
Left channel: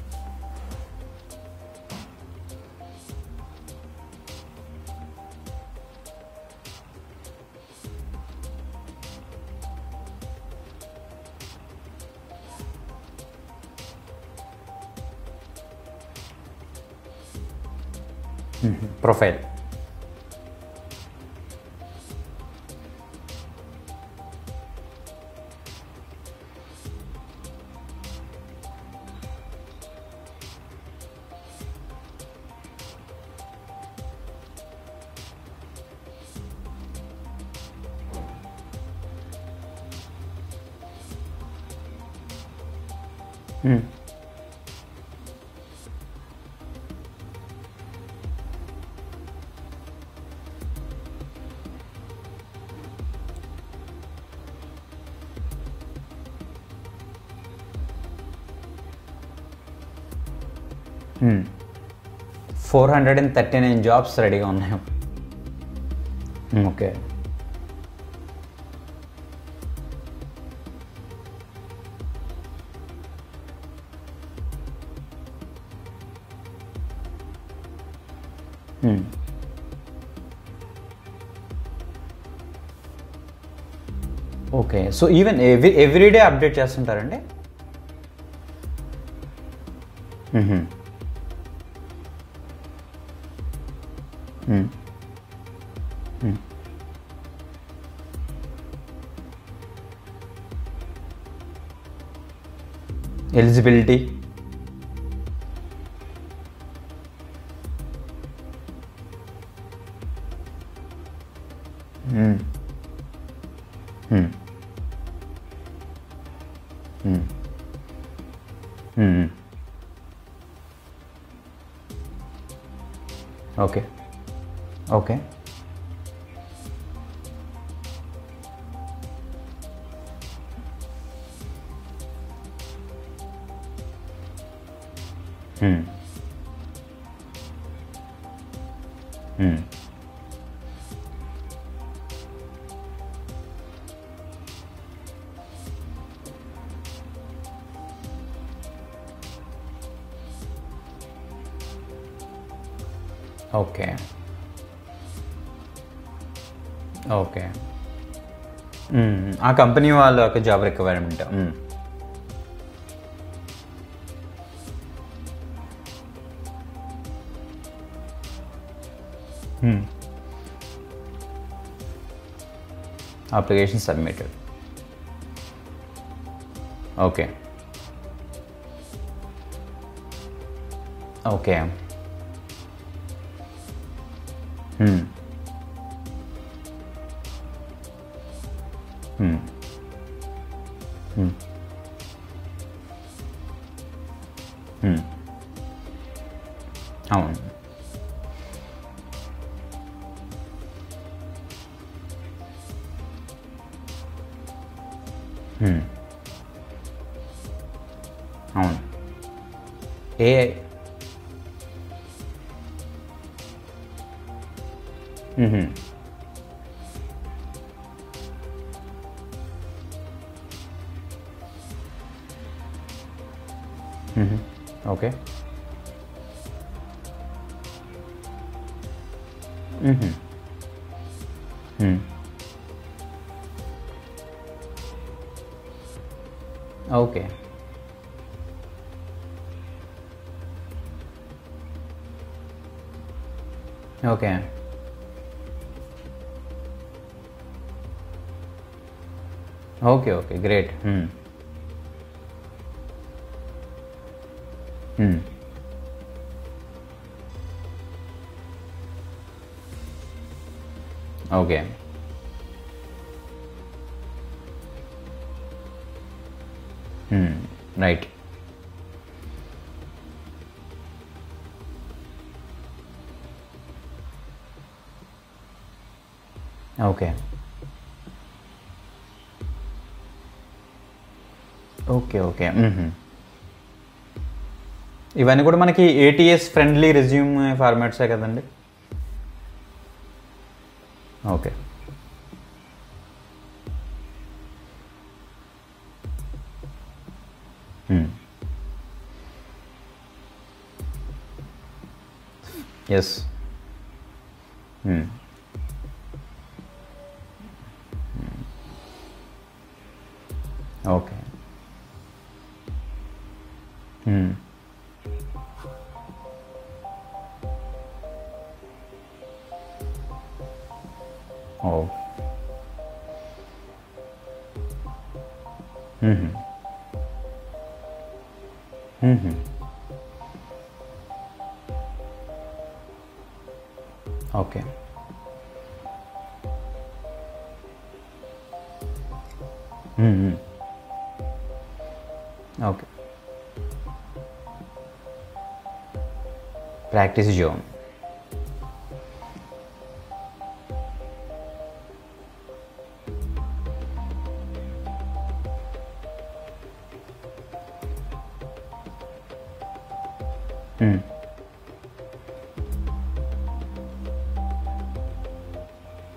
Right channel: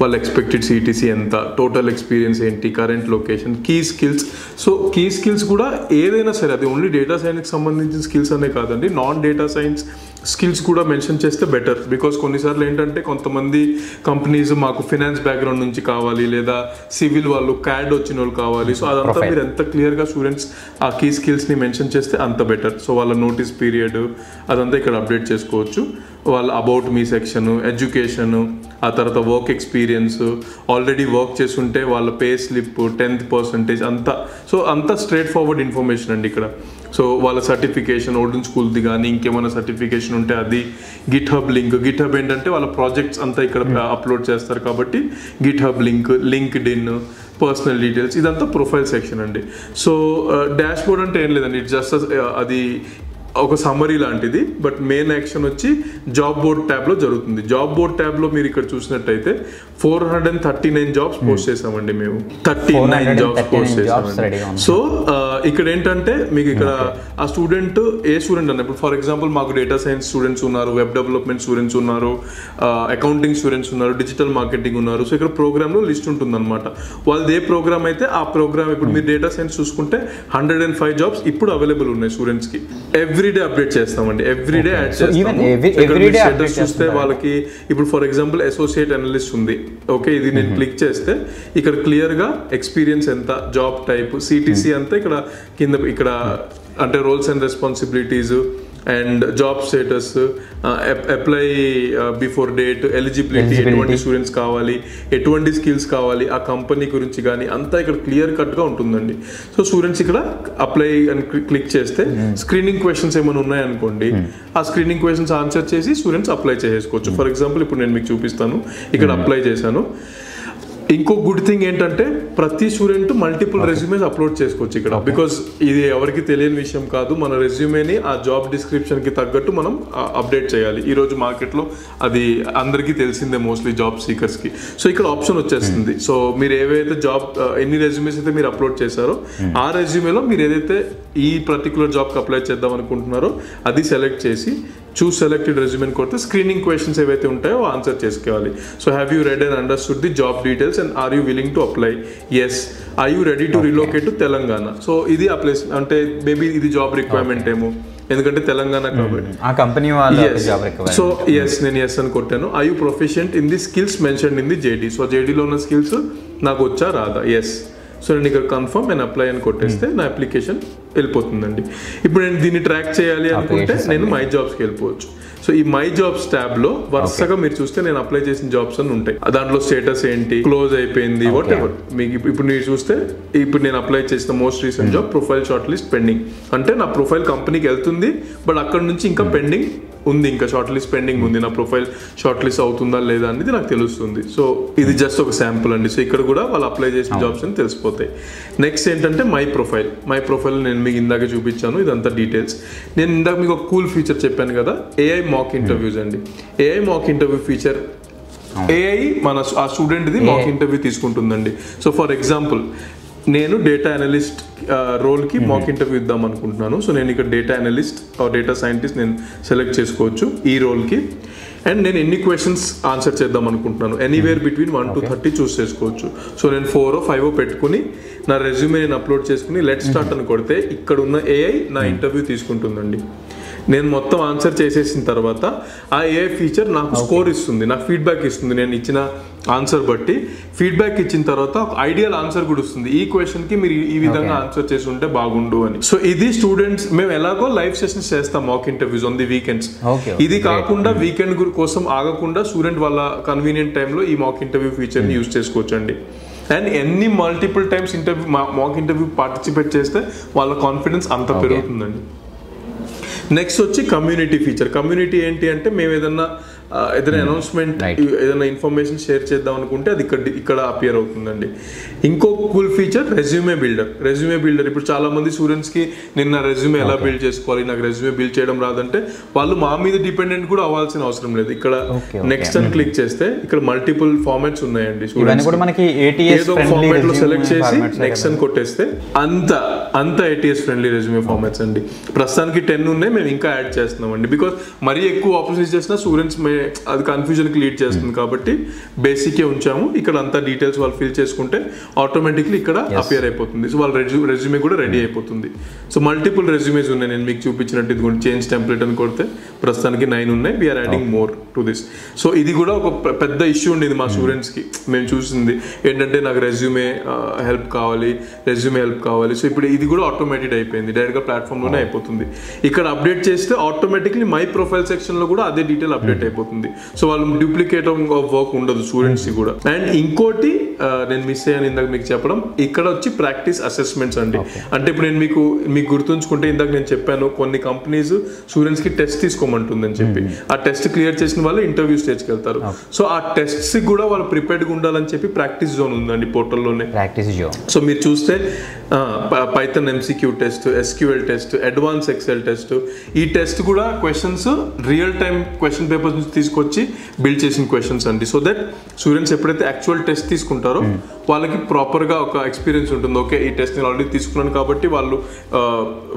వాళ్ళ ఎక్స్పెక్టెడ్ సిటీసీ ఎంత, టోటల్ ఎక్స్పీరియన్స్ ఏంటి, current location, key skills. So key skills కూడా ఏదైనా సరే, అది ఓన్లీ డేటా సైన్స్కి సంబంధించిన స్కిల్స్ అనే కాదండి, నాన్ డేటా సైన్స్ స్కిల్స్ కూడా మెన్షన్ చేస్తే బెటర్. బికాస్ కొన్నిసార్లు ఏంటంటే కొంతమంది కంపెనీస్ మాకు ఫినాన్స్ బ్యాక్గ్రౌండ్ నుంచి కావాలి, లేదా సివిల్ వాళ్ళు, క్యాడ్ వచ్చిన వాళ్ళు కావాలి. సో అదంతా మీరు ఎంత క్లియర్గా స్టూడెంట్స్ ఆ కీ స్కిల్స్ని మెన్షన్ చేస్తే అంత బెటర్. సో వాళ్ళ నోటీస్ పీరియడ్ అదంతా ఇక్కడ అప్డేట్ చేసుకోవచ్చు. వాళ్ళ అబౌట్ మీ సెక్షన్, ఎడ్యుకేషన్, ఆ తర్వాత వర్క్ ఎక్స్పీరియన్స్, ఆల్రెడీ వర్క్ చేస్తుంటే వాళ్ళ పే స్లిప్, 10th percentage అంతా. సో అంతా స్ట్రైట్ ఫార్వర్డ్ ఇన్ఫర్మేషన్ అండి ఇక్కడ. సో వాళ్ళ సర్టిఫికేషన్, ఓల్డెన్ స్కూల్ది కానీ ఇంకేమైనా సర్టిఫికేషన్ ఉంటే అది, Git hub link. Git hub ఏంటంటే వాళ్ళ ప్రాజెక్ట్స్ అంతా ఇక్కడ అప్లోడ్ చేస్తారు కాబట్టి Git hub link, linked in, personal details, ఇదంతా ప్రొఫైల్ సెక్షన్ అండి. సో డాష్ బోర్డ్ అంటే ఏం లేదండి, ఇట్ జస్ట్ అది ఒక సమ్మరీ లాంటిది. బట్ మెయిన్ యాక్షన్ వచ్చి జాబ్ బోర్డ్ ట్యాబ్లో జరుగుతుంది. జాబ్ బోర్డ్ ట్యాబ్లో మీరు ఇక్కడ చూసినట్టయితే 439 జాబ్స్ పోస్ట్ చేసామండి మేము. 39 జాబ్స్ రెడీగా ఉన్నాయి. సో ఇక్కడ ఏంటంటే మీకు ఇక్కడ ఆ స్టూడెంట్ ఏ స్టూడెంట్ అన్న, ఇప్పుడు ఫర్ ఎగ్జాంపుల్ మాకు డేటా సైన్స్ స్టూడెంట్స్ ఉన్నారు, వెబ్ డెవలప్మెంట్ స్టూడెంట్స్ ఉన్నారు, అకౌంటింగ్ స్టూడెంట్స్ ఉన్నారు, డిజిటల్ మార్కెటింగ్ ఉన్నారు. సో ఇక్కడ ప్రోగ్రామ్లో లిస్ట్ ఉంటుంది అనమాట. వాళ్ళది ఏ ప్రోగ్రామ్ అయితే ఆ ప్రోగ్రామ్. ఇప్పుడు మీరు డేటా సైన్స్ చూసుకుంటే 105 జాబ్స్ ఇప్పుడు అవైలబుల్ ఉన్నాయి స్టూడెంట్స్కి. ఎవ్రీడే అప్డేట్ చేస్తామండి, ఎవ్రీడే. అప్డేట్ చేస్తే వాళ్ళకి ఇప్పుడు ఫర్ ఎగ్జాంపుల్ అసోసియేట్ అనలిస్ట్ ఉంది, ఓకే, ఇది నేను క్లిక్ చేస్తే ఇక్కడ క్లియర్ గా ఎక్స్పీరియన్స్ ఎంత, జాబ్ టైప్, సిటీసీ అంతా ఇక్కడ కింద ఇక్కడ అంటే roles and responsibilities and job status, apply before date, eligibility, students కావాలి, ఎటువంటి స్కిల్స్ కావాలి, ఆ కంపెనీ గురించి కానీ అంతా ఇక్కడ క్లియర్ కట్గా ఉంటుందండి. సో స్టూడెంట్స్ ఇక్కడ అప్లై అని క్లిక్ చేస్తే స్క్రీనింగ్ క్వశ్చన్స్ ఏమైనా ఉన్నాయనుకోండి, ఆ స్క్రీనింగ్ క్వశ్చన్స్ ఆన్సర్ చేసి స్టూడెంట్స్ అప్లై చేసుకోవచ్చు. ఫర్ ఎగ్జాంపుల్ ఇప్పుడు నేను మీకు చూపిస్తాను, ఇక్కడ అప్లై చేశాను. ఇంకో గుడ్ థింగ్ ఏంటంటే ప్రతి స్టూడెంట్ మల్టిపుల్ రెజ్యూమేస్ అప్లోడ్ చేసుకోవచ్చు ఇక్కడ. బికాస్ ఇది ఎవరికి తెలియని విషయం కాదు, మన రెజ్యూమేని ఆ జాబ్ డిస్క్రిప్షన్ కి తగ్గట్టు మనం అప్డేట్ చేయాలి. ఈ రోజు మార్కెట్లో అది అందరికీ తెలిసిందే, మోస్ట్లీ జాబ్ సీకర్స్ కి. సో ఇక్కడ ఆప్షన్ వచ్చేస్తుంది. సో మీరు ఏవైతే జాబ్ ఎన్ని రెజ్యూమేస్ అయితే మీరు అప్లోడ్ చేశారో ఆ రెజ్యూమేలో మీరు ఏదైతే ఈ పర్టికులర్ జాబ్కి అప్లై చేద్దాం అనుకుంటున్నారో అది సెలెక్ట్ చేసి చూస్ సెలెక్టెడ్ రెజ్యూమెని కొడితే స్క్రీనింగ్ క్వశ్చన్స్ ఏవైతే ఉంటాయో ఆన్సర్ చేసుకోవాలి. So have you read and understood the job details and are you willing to apply? Yes. Are you ready to relocate to Telangana? So ఇది ఆ ప్లేస్ అంటే మేబీ ఇది జాబ్ రిక్వైర్మెంట్ ఏమో, ఎందుకంటే తెలంగాణ కాబట్టి ఆ కంపెనీ వాళ్ళ జాబ్ రిక్వైర్మెంట్. సో ఎస్, నేను ఎస్ అని కొట్టాను. Are you proficient in the skills mentioned in the JD? So జేడీలో ఉన్న స్కిల్స్ నాకు వచ్చా రాదా? ఎస్. సో నేను ఇక్కడ కన్ఫర్మ్ అండ్ అప్లై అని కొట్టేస్తే నా అప్లికేషన్ వెళ్ళిపోతుందండి. ఇప్పుడు నేను దీన్ని ట్రాక్ చేయాలి అనుకుంటే నేను మై జాబ్స్కి వెళ్ళిపోవచ్చు. సో ఈ మై జాబ్స్ ట్యాబ్ లో వరుసగా మీరు చూస్తే నేను అప్లై చేసిన జాబ్స్ అని ఉంటాయి. దాంట్లో స్టేటస్ ఏంటి, క్లోజ్ అయిపోయింది, వాట్ ఎవర్. మీకు ఇప్పుడు మీరు చూస్తే ఇప్పుడు నేను అప్లై చేసిన most recent job profile short list pending, అంటే నా ప్రొఫైల్ కంపెనీకి వెళ్తుంది బట్ అక్కడ నుంచి ఇంకా పెండింగ్ ఉంది, ఇంకా షార్ట్ లిస్ట్ పెండింగ్ ఉంది. నా ప్రొఫైల్ షార్ట్ లిస్ట్ అవుతుందా లేదా అనేది నాకు తెలుస్తుంది. సో ఇది జస్ట్ ఒక శాంపుల్ అండి. సో ఇక్కడ కూడా వాళ్ళు అప్లై చేసిన జాబ్స్ అని తెలిసిపోతాయి. నెక్స్ట్ ఏంటంటే మై ప్రొఫైల్ నేను మీకు ఇందాక చూపించాను, ఇదంతా డీటెయిల్స్. నేను ఇందాక మీకు ఒక కూల్ ఫీచర్ చెప్పాను కదా, ఏఐ మాక్ ఇంటర్వ్యూస్ అండి. AI mock interview feature, AI మన ఆ స్టూడెంట్ది మాక్ ఇంటర్వ్యూ తీసుకుంటుందండి. సో ఫర్ ఎగ్జాంపుల్ నేను డేటా అనలిస్ట్ రోల్కి మాక్ ఇంటర్వ్యూ ఇద్దాం అనుకుంటున్నాను. సో నేను ఇక్కడ data analyst or data scientist నేను సెలెక్ట్ చేసుకోవచ్చు ఈ రోల్కి. అండ్ నేను ఎన్ని క్వశ్చన్స్ ఆన్సర్ చేద్దాం అనుకుంటున్నాను, ఎనీవేర్ బిట్వీన్ 1 to 30 చూస్ చేసుకోవచ్చు. సో నేను 4 or 5 పెట్టుకుని నా రెజ్యూమే నేను అప్లోడ్ చేసుకుని లెట్ స్టార్ట్ అని కొడితే ఇక్కడ ఉన్న ఏఐ నా ఇంటర్వ్యూ తీసుకుంటుందండి. నేను మొత్తం ఆన్సర్ చేసేసిన తర్వాత ఆ ఏఐ ఫీచర్ నాకు స్కోర్ ఇస్తుంది, నాకు ఫీడ్బ్యాక్ ఇస్తుంది. నేను ఇచ్చిన ఆన్సర్ బట్టి ఫీడ్బ్యాక్ ఇచ్చిన తర్వాత ఒక ఐడియల్ ఆన్సర్ కూడా వస్తుంది. ఈ క్వశ్చన్ కి మీరు ఈ విధంగా ఆన్సర్ చేసి ఉంటే బాగుండు అని. సో ఇది స్టూడెంట్స్ మేము ఎలాగో లైవ్ సెషన్స్ చేస్తాం, mock interviews on the weekends. ఇది కాకుండా వీకెండ్ కోసం ఆగకుండా స్టూడెంట్ వాళ్ళ కన్వీనియంట్ టైంలో ఈ మాక్ ఇంటర్వ్యూ ఫీచర్ యూజ్ చేసుకోవచ్చండి. అండ్ ఎన్ని multiple times interview mock interview participate చేస్తే వాళ్ళ కాన్ఫిడెన్స్ అంత పెరుగుతుందండి. నెక్స్ట్ వచ్చి కమ్యూనిటీ ఫీచర్. కమ్యూనిటీ ఏంటి అంటే మేము ఏదైనా అనౌన్స్మెంట్ ఏదైనా ఇన్ఫర్మేషన్ షేర్ చేద్దాం అనుకుంటే అది ఇక్కడ అపియర్ అవుతుందండి. ఇంకో కూల్ ఫీచర్ రెజ్యూమే బిల్డర్. ఇప్పుడు చాలా మంది స్టూడెంట్స్ కి నిన్న రెజ్యూమే ఎలా బిల్డ్ చేసుకోవాలి, నాకు రెజ్యూమే బిల్డ్ చేయడం రాదంటే వాళ్ళు మా మీద డిపెండెంట్ కూడా అవ్వాల్సిన అవసరం లేదు. ఇక్కడ నెక్స్ట్ అని క్లిక్ చేస్తే ఇక్కడ మల్టిపుల్ ఫార్మాట్స్ ఉన్నాయండి. ఇవన్నీ కూడా మనకి ATS friendly resume formats next అని కొట్టేస్తే అంత ATS ఫ్రెండ్లీ రెజ్యూమే ఫార్మాట్స్ అండి. ప్రస్తుతానికి 10 ఉన్నాయి, మేము ఇంకా యాడ్ చేస్తున్నాం అండి. బికాస్ మరీ ఎక్కువ ఆపర్చునిటీస్ చేసినా స్టూడెంట్స్ అది కన్ఫ్యూజన్ కి లీడ్ చేస్తుంది కాబట్టి బేసిక్ ఉంచాము. ఇక్కడ అంతా డీటెయిల్స్ వాళ్ళు ఫిల్ చేసుకుంటే ఆటోమేటిక్లీ ఇక్కడ అపియర్ అయిపోతుంది. సో వాళ్ళ రెజ్యూమే కూడా రెడీ అయిపోతుంది. సో మల్టిపుల్ రెజ్యూమేస్ ఉన్నాయి, నేను మీకు చూపించినట్టు ఇది కూడా చేంజ్ టెంప్లెట్ అని కొడితే ప్రస్తుతానికి 9 ఉన్నాయి. We're adding more to this. So ఇది కూడా ఒక పెద్ద ఇష్యూ ఉండేది మా స్టూడెంట్స్ కి. మేము చూసింది ఏంటంటే నాకు రెజ్యూమే హెల్ప్ కావాలి. సో ఇప్పుడు ఇది కూడా ఆటోమేటెడ్ అయిపోయింది, డైరెక్ట్ గా ప్లాట్ఫామ్ లోనే అయిపోతుంది. ఇక్కడ అప్డేట్ చేస్తే ఆటోమేటిక్లీ మై ప్రొఫైల్ సెక్షన్ లో కూడా అదే డీటెయిల్ అప్డేట్ అయిపోతుంది. సో వాళ్ళు డూప్లికేట్ ఆఫ్ వర్క్ ఉండదు స్టూడెంట్స్ కి కూడా. అండ్ ఇంకోటి నేను మిస్ అయ్యాను ఇందాక మీకు చెప్పడం, ఇక్కడ వచ్చి ప్రాక్టీస్ అసెస్మెంట్స్ అండి. అంటే ఇప్పుడు నేను మీకు గుర్తుంచుకుంటే ఇందాక నేను చెప్పాను కొన్ని కంపెనీస్ స్టూడెంట్స్ కి టెస్ట్ తీసుకోమంటుందని చెప్పి, ఆ టెస్ట్ క్లియర్ చేసిన వాళ్ళు ఇంటర్వ్యూ స్టేజ్కి వెళ్తారు. సో ఆ టెస్ట్స్ కూడా వాళ్ళు ప్రిపేర్డ్ గా ఉండాలని చెప్పి ప్రాక్టీస్ జోన్ ఉందండి పోర్టల్లోనే. Practice zone. సో మీరు చూస్తే Python MCQ test, SQL test, advance Excel test, ఈ టెస్ట్ కూడా questions real time question papers నుంచి తీసుకొచ్చి బిల్డ్ చేసిన క్వశ్చన్స్ అండి. సో దట్ స్టూడెంట్స్ ఎప్పుడైతే యాక్చువల్ టెస్ట్ తీసుకుంటారో వాళ్ళకి ప్రాపర్ గా ఒక ఎక్స్పీరియన్స్ ఉంటుంది. ఓకే, ఈ టెస్ట్ నేను ఆల్రెడీ తీసుకున్నాను కాబట్టి వాళ్ళు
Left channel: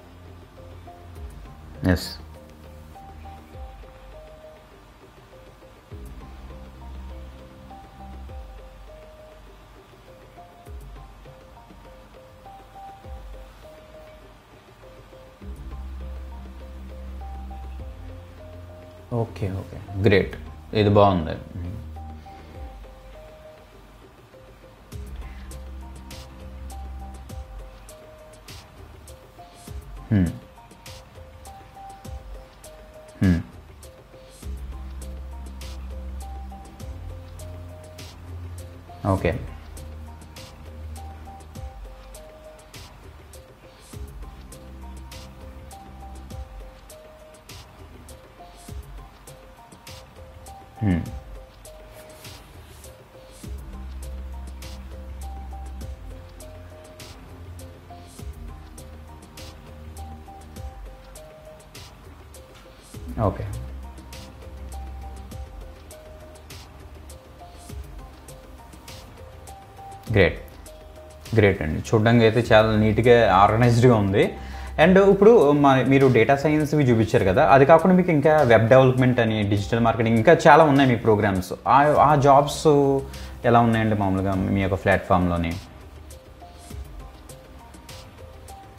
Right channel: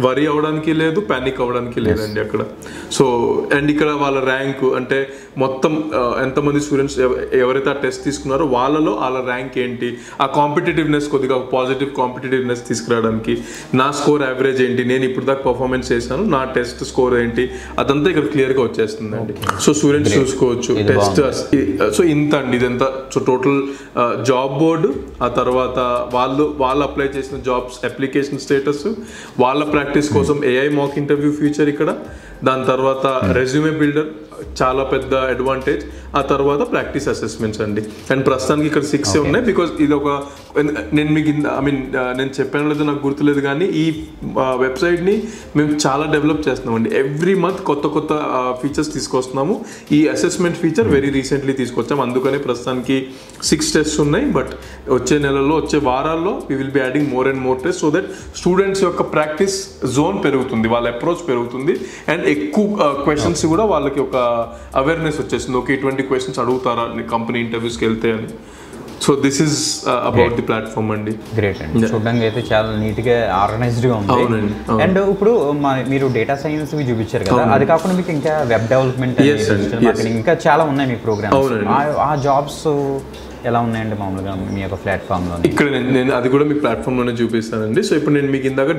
వరీ అవ్వడానికి లేదు, పానిక్ అవ్వడానికి లేదండి అక్కడ. సో అండ్ ఇక్కడ వాళ్ళ ర్యాంక్ అంటే మొత్తం ఎంతమంది స్టూడెంట్స్ ఎవరైతే ఆ టెస్ట్ తీసుకున్నారో వాళ్ళలో వాళ్ళ ర్యాంక్ ఏంటి, ఆ కాంపిటేటివ్నెస్ కొద్దిగా పాజిటివ్ కాంపిటేటివ్నెస్ తీసుకురావడానికి నా స్కోర్ యావరేజ్ ఏంటి, నేను ఇప్పుడు దాకా పర్ఫార్మెన్స్ చేశాను, నా టెస్ట్ స్కోర్ ఏంటి, అదంతా ఇక్కడ క్లియర్ గా వచ్చేస్తుంది. సో స్టూడెంట్స్ చూసుకోవచ్చు టెస్ట్. సో ఇంత అండి ఇదంతా. సో టోటల్ జాబ్ బోర్డు, ఆ తర్వాత వాళ్ళు అప్లై చేసిన జాబ్స్ అప్లికేషన్ స్టేటస్, వాళ్ళ ప్రాక్టీస్ కోసం AI మాక్ ఇంటర్వ్యూ ఫీచర్ ఇక్కడ, దాని తర్వాత రెజ్యూమే బిల్డర్ చాలా పెద్ద అడ్వాంటేజ్, ఆ తర్వాత ప్రాక్టీస్ అసెస్మెంట్స్ అండి. అండ్ ప్రస్తుతానికి ఇక్కడ 6 ఉన్నాయి. బికాస్ ఇది ఒక నేను మీకు నేను చెప్పాను లేదో నాకు గుర్తులేదు కానీ ఈ వెబ్సైట్ ని మేము చాలా డెవలప్ చేస్తున్నామండి. ఎవ్రీ మంత్ కొత్త ఫీచర్స్ తీసుకొస్తున్నాము. ఈ అసెస్మెంట్ ఫీచర్ వెరీ రీసెంట్లీ తీసుకొచ్చాము, అందుకనే ప్రస్తుతానికి 6 టెస్ట్స్ ఉన్నాయి. బట్ వచ్చే నెలలో వచ్చే వారాల్లో we will be adding more and more test, so that students యొక్క ప్రాక్టీస్ జోన్ పెరుగుతుంది, వాళ్ళ అప్రోచ్ పెరుగుతుంది. అండ్ ఎక్కువ క్వశ్చన్స్ కూడా వాళ్ళకి ఒక అవేర్నెస్ వచ్చేస్తుంది. ఓకే, ఇటువంటి క్వశ్చన్స్ అడుగుతారా కంపెనీ ఇంటర్వ్యూస్కి వెళ్తే అని. So this is about the platform అండి. గ్రేట్ అండి, చూడడానికి అయితే చాలా నీట్ గా ఆర్గనైజ్డ్ గా ఉంది. అండ్ ఇప్పుడు మీరు డేటా సైన్స్ చూపించారు కదా, అది కాకుండా మీకు ఇంకా వెబ్ డెవలప్మెంట్ అని, డిజిటల్ మార్కెటింగ్, ఇంకా చాలా ఉన్నాయి మీ ప్రోగ్రామ్స్. ఆ జాబ్స్ ఎలా ఉన్నాయండి మామూలుగా మీ యొక్క ప్లాట్ఫామ్ లో? ఇక్కడ నేను అది కూడా మీ ప్లాట్ఫామ్ లోనే చూపిస్తానండి. సో ఇప్పుడు నేను మీకు ఇందాక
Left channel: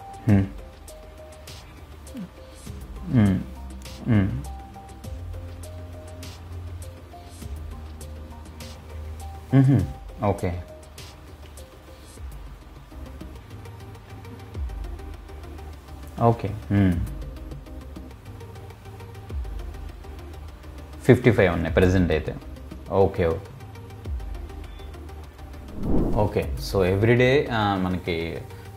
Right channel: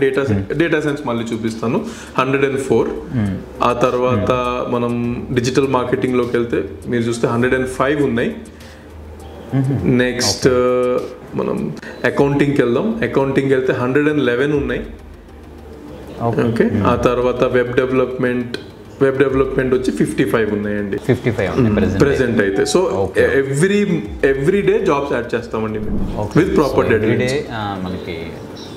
డేటా సైన్స్ మళ్ళీ చూపిస్తాను, 104. ఆ తర్వాత మనం డిజిటల్ మార్కెటింగ్ లోకి వెళ్తే మీరు చూస్తే 105 ఉన్నాయి. నెక్స్ట్ మనం అకౌంటింగ్కి వెళ్దాం, అకౌంటింగ్కి వెళ్తే 111 ఉన్నాయి. ఓకే, ఆ తర్వాత వెబ్ డెవలప్మెంట్ వచ్చి 55 ఉన్నాయండి. 55 ఉన్నాయి ప్రెసెంట్ అయితే. So every day jobs add చేస్తామండి విత్ ప్రాపర్ ఎవ్రీ డే మనకి.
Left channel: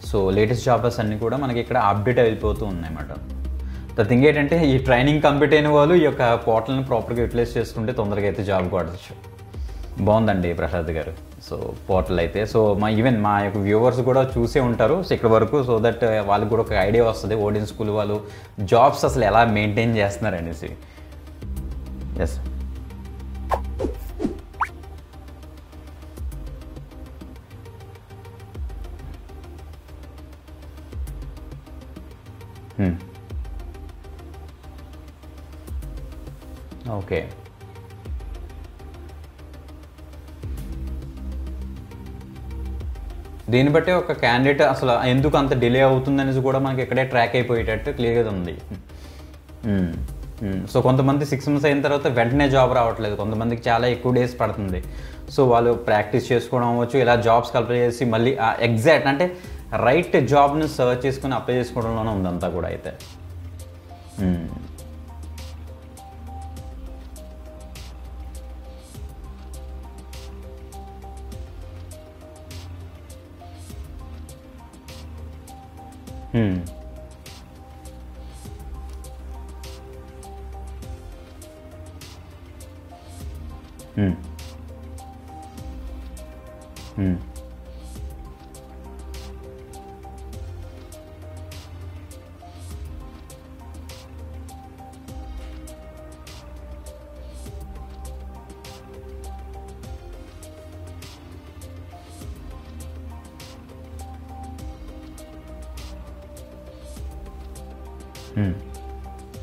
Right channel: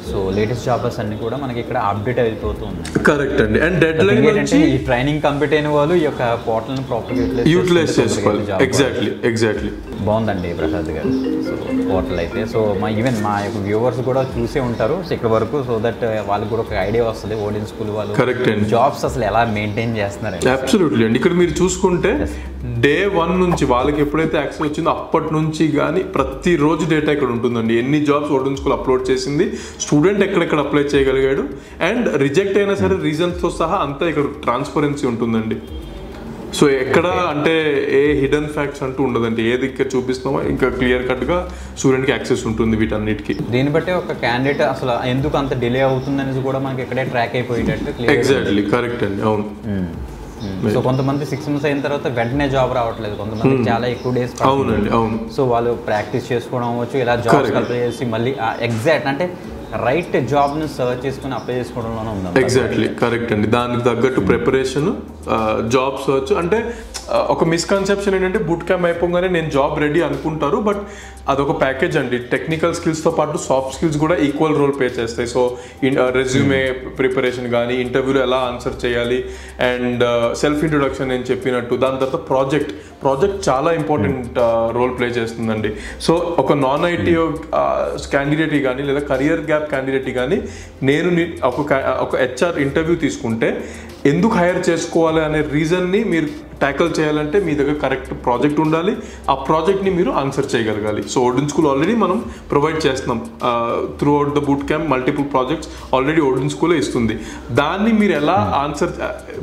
సో లేటెస్ట్ జాబ్స్ అన్ని కూడా మనకి ఇక్కడ అప్డేట్ అయిపోతూ ఉన్నాయి. కరెక్ట్ అండి. అండ్ ఏంటంటే ఈ ట్రైనింగ్ కంప్లీట్ అయిన వాళ్ళు ఈ యొక్క పోర్టల్ ని ప్రాపర్ గా యూటిలైజ్ చేసుకుంటే ఎగ్జాక్ట్లీ బాగుందండి ప్రసాద్ గారు. సో పోర్టల్ అయితే సో ఈవెన్ మా యొక్క వ్యూవర్స్ కూడా చూసే ఉంటారు సో ఇక్కడ వరకు, సో దట్ వాళ్ళకి కూడా ఒక ఐడియా వస్తుంది ఓడియన్ స్కూల్ వాళ్ళు జాబ్స్ అసలు ఎలా మెయింటైన్ చేస్తున్నారు. అబ్సల్యూట్లీ అండి. ఇక్కడ మీరు చూసుకుంటే డే 1 నుంచి వాళ్ళకి ఎప్పుడైతే యాక్సెస్ వచ్చిందో అప్పటి నుంచి కానీ ప్రతిరోజు డేటా ఇక్కడ ఉంటుందండి. ఎన్ని జాబ్స్ ఓడియన్ స్కూల్ అప్లోడ్ చేసింది, స్టూడెంట్ ఎక్కడెక్కడ అప్లై చేయగలిగాడు, అండ్ రిజెక్ట్ అయినా సరే రీజన్స్తో సహా అంతా ఇక్కడ ట్రాన్స్పరెన్సీ ఉంటుందండి. సో ఎక్కడ అంటే ఏ హిడెన్ ఫ్యాక్ట్స్ అంటూ ఉండదండి. ఏది ఇక్కడ చూపిస్తున్నామో ఇంకా క్లియర్ కట్ గా స్టూడెంట్ కి యాక్సెస్ ఉంటుంది వీటన్నిటికి. దీన్ని బట్టి ఒక క్యాండిడేట్ అసలు ఎందుకు అంత డిలే అవుతుంది అనేది కూడా మనకి ఇక్కడే ట్రాక్ అయిపోయేటట్టు క్లియర్. ఎగ్జాక్ట్లీ కరెక్ట్ అండి, అవును. సో కొంతమంది 6 months అయిన తర్వాత వెంటనే జాబ్ రావట్లేదు, కొంతమందికి చాలా ఎక్కువ డేస్ పడుతుంది. సో వాళ్ళు ప్రాక్టీస్ చేసుకోవడం అవ్వచ్చు, ఇలా జాబ్స్ అప్లై చేసి మళ్ళీ ఎగ్జాక్ట్ అంటే రైట్ జాబ్ ని సర్చ్ చేసుకుని అప్లై చేసుకోవడంలోనే ఉంది. ఎగ్జాక్ట్లీ కరెక్ట్ అండి. దానికి తగ్గట్టు ప్రిపరేషన్, జాబ్ సర్చ్ అంటే ఒక మిస్కన్సెప్షన్ ఏంటంటే బూట్ క్యాంప్ అయిపోగానే నేను జాబ్ రెడీ అనుకుంటారు, బట్ అదొక ప్యాకేజ్ అండి. టెక్నికల్ స్కిల్స్తో పాటు సాఫ్ట్ స్కిల్స్ కూడా ఈక్వల్ రోల్ ప్లే చేస్తాయి. సో రెజ్యూమే ప్రిపరేషన్ కానీ, ఇంటర్వ్యూలో ఎలా ఆన్సర్ చేయాలి, అండ్ సెల్ఫ్ ఇంట్రొడక్షన్ నేను చెప్పినట్టు, దాని తర్వాత ప్రాజెక్ట్ చాలా ఇంపార్టెంట్ రోల్ ప్లే చేస్తుందండి. సో ఒక నాన్ ఐటీ క్యాండిడేట్ కానీ లేదా కరియర్ గ్యాప్ క్యాండిడేట్ కానీ నేను ఒక హెచ్ఆర్ ఇంటర్వ్యూ తీసుకుంటే ఎందుకు హైర్ చేసుకోవాలి అనే రీజన్ని మీరు ట్యాకిల్ చేయాలంటే మీ దగ్గర కరెక్ట్ ప్రాజెక్ట్ ఉండాలి, ఆ ప్రాజెక్ట్ని మీరు ఆన్సర్ చేయగలగాలి. సో ఓడెన్ స్కూల్ ఆల్రెడీ మనం ప్రొవైడ్ చేస్తున్నాం throughout the boot camp, multiple projects already Odin స్కూలే ఇస్తుంది. దాన్ని మీరు ఎలా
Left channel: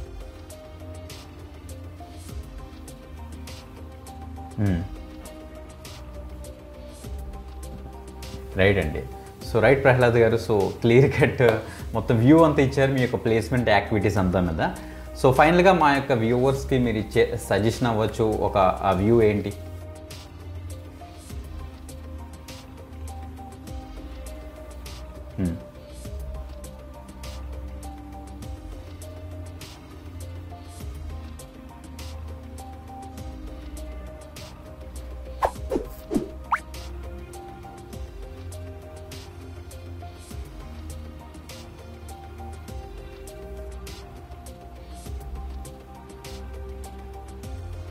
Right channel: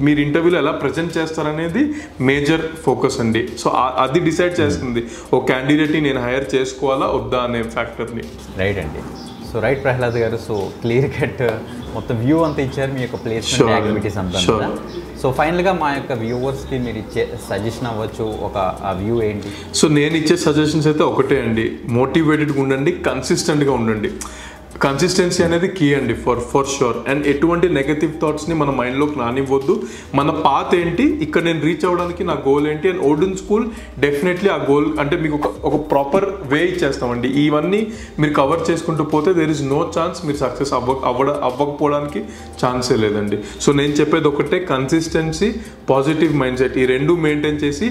మీరు ఇంటర్వ్యూలో ఎలా ప్రజెంట్ చేస్తారనేది మేజర్ ఫోకస్ అండి. సో అది డిసైడ్ చేస్తుంది ఓ క్యాండిడేట్ని నేను హైర్ చేసుకోవాలా వద్దా అనే ఫ్యాక్టర్ని. రైట్ అండి. సో రైట్ ప్రహ్లాద్ గారు, సో క్లియర్ కట్ మొత్తం వ్యూ అంతా ఇచ్చారు మీ యొక్క ప్లేస్మెంట్ యాక్టివిటీస్ అంతా కదా. సో ఫైనల్గా మా యొక్క వ్యూవర్స్కి మీరు ఇచ్చే సజెషన్ అవ్వచ్చు, ఒక వ్యూ ఏంటి? సో నేను ఇచ్చే సజెషన్స్ అయితే ఒకటే అండి, మోటివేటెడ్గా ఉండండి, కన్సిస్టెంట్గా ఉండండి. కన్సిస్టెన్సీ అనేది కీ అండి ఫర్ షూర్. అండ్ ఎటువంటి నెగటివ్ థాట్స్ని మన మైండ్లోకి రానివ్వద్దు. మన పాత్ ఏంటి, ఇక్కడ నేను రీచ్ అవ్వడానికి నా గోల్ ఏంటి, అండ్ ఓడెన్ స్కూల్ డెఫినెట్లీ ఆ గోల్ అంటే మీకు ఒక ప్రాపర్ వే ఇచ్చేస్తామండి. ఇవన్నీ మీరు కవర్ చేసుకుంటూ పోతే దేర్ ఇస్ నో ఛాన్స్ మీరు సక్సెస్ అవ్వకపోవడానికి ఛాన్సే లేదండి. సో నేను చెప్పేది ఒకటే, కన్సిస్టెన్సీ, పాజిటివ్ మైండ్ సెట్, ఈ రెండు మెయింటైన్ చేసి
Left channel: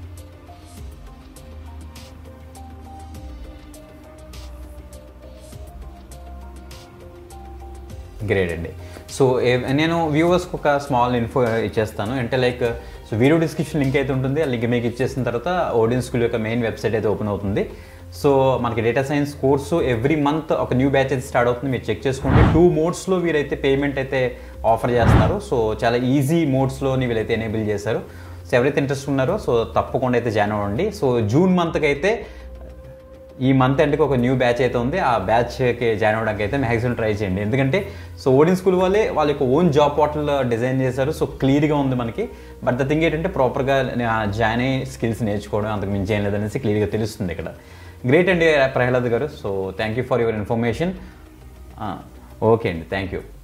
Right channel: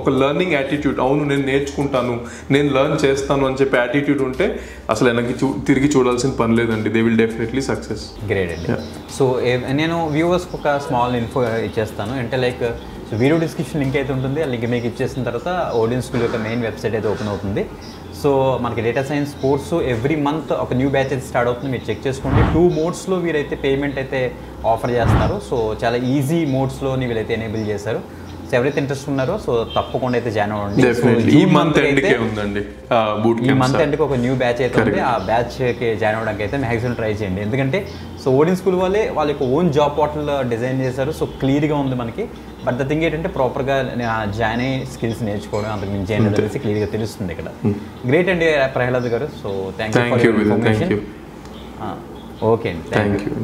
ఒక లర్నింగ్ యాటిట్యూడ్, అవును నేను నేర్చుకుంటాను, నేను లర్న్ చేస్తాను అని చెప్పి యాటిట్యూడ్ ఉంటే అసలు వెనక్కి తిరిగి చూడాల్సిన పని లేదండి. They will definitely success. Great అండి. సో నేను వ్యూవర్స్కి ఒక స్మాల్ ఇన్ఫో ఇచ్చేస్తాను. అంటే like so video description link అయితే ఉంటుంది, ఆ లింక్ మీకు ఇచ్చేసిన తర్వాత ఓడెన్ స్కూల్ యొక్క మెయిన్ వెబ్సైట్ అయితే ఓపెన్ అవుతుంది. సో మనకి data science course every month ఒక న్యూ బ్యాచ్ అయితే స్టార్ట్ అవుతుంది, మీరు చెక్ చేసుకోండి. 2 మోడ్స్లో వీరైతే పేమెంట్ అయితే ఆఫర్ చేస్తున్నారు. సో చాలా ఈజీ మోడ్స్లోని వీళ్ళైతే ఎనేబుల్ చేశారు. సో ఎవరైతే ఇంట్రెస్ట్ ఉన్నారో సో తప్పకుండా అయితే జాయిన్ అవ్వండి. సో జూన్ మంత్ అయితే ఈ మంత్ ఎండ్కి ఒక న్యూ బ్యాచ్ అయితే ఉంది, ఆ బ్యాచ్కి జాయిన్ అవ్వడానికి అయితే మ్యాక్సిమం ట్రై చేయండి. ఎందుకంటే సో ఓడెన్ స్కూల్ వాళ్ళ యొక్క ఓన్ జాబ్ పోర్టల్ డిజైన్ చేశారు. సో క్లియర్గా ఉంది మనకి. బట్ ద థింగ్ ఏంటంటే ప్రాపర్గా జాయిన్ అయ్యి స్కిల్స్ నేర్చుకోవడం, అంతకు మించి ఏం లేదనేసి క్లియర్గా తెలుస్తుంది ఇక్కడ. గ్రేట్ అండి ప్రహ్లాద్ గారు. So thank you for your information. Okay అండి, థ్యాంక్ యూ.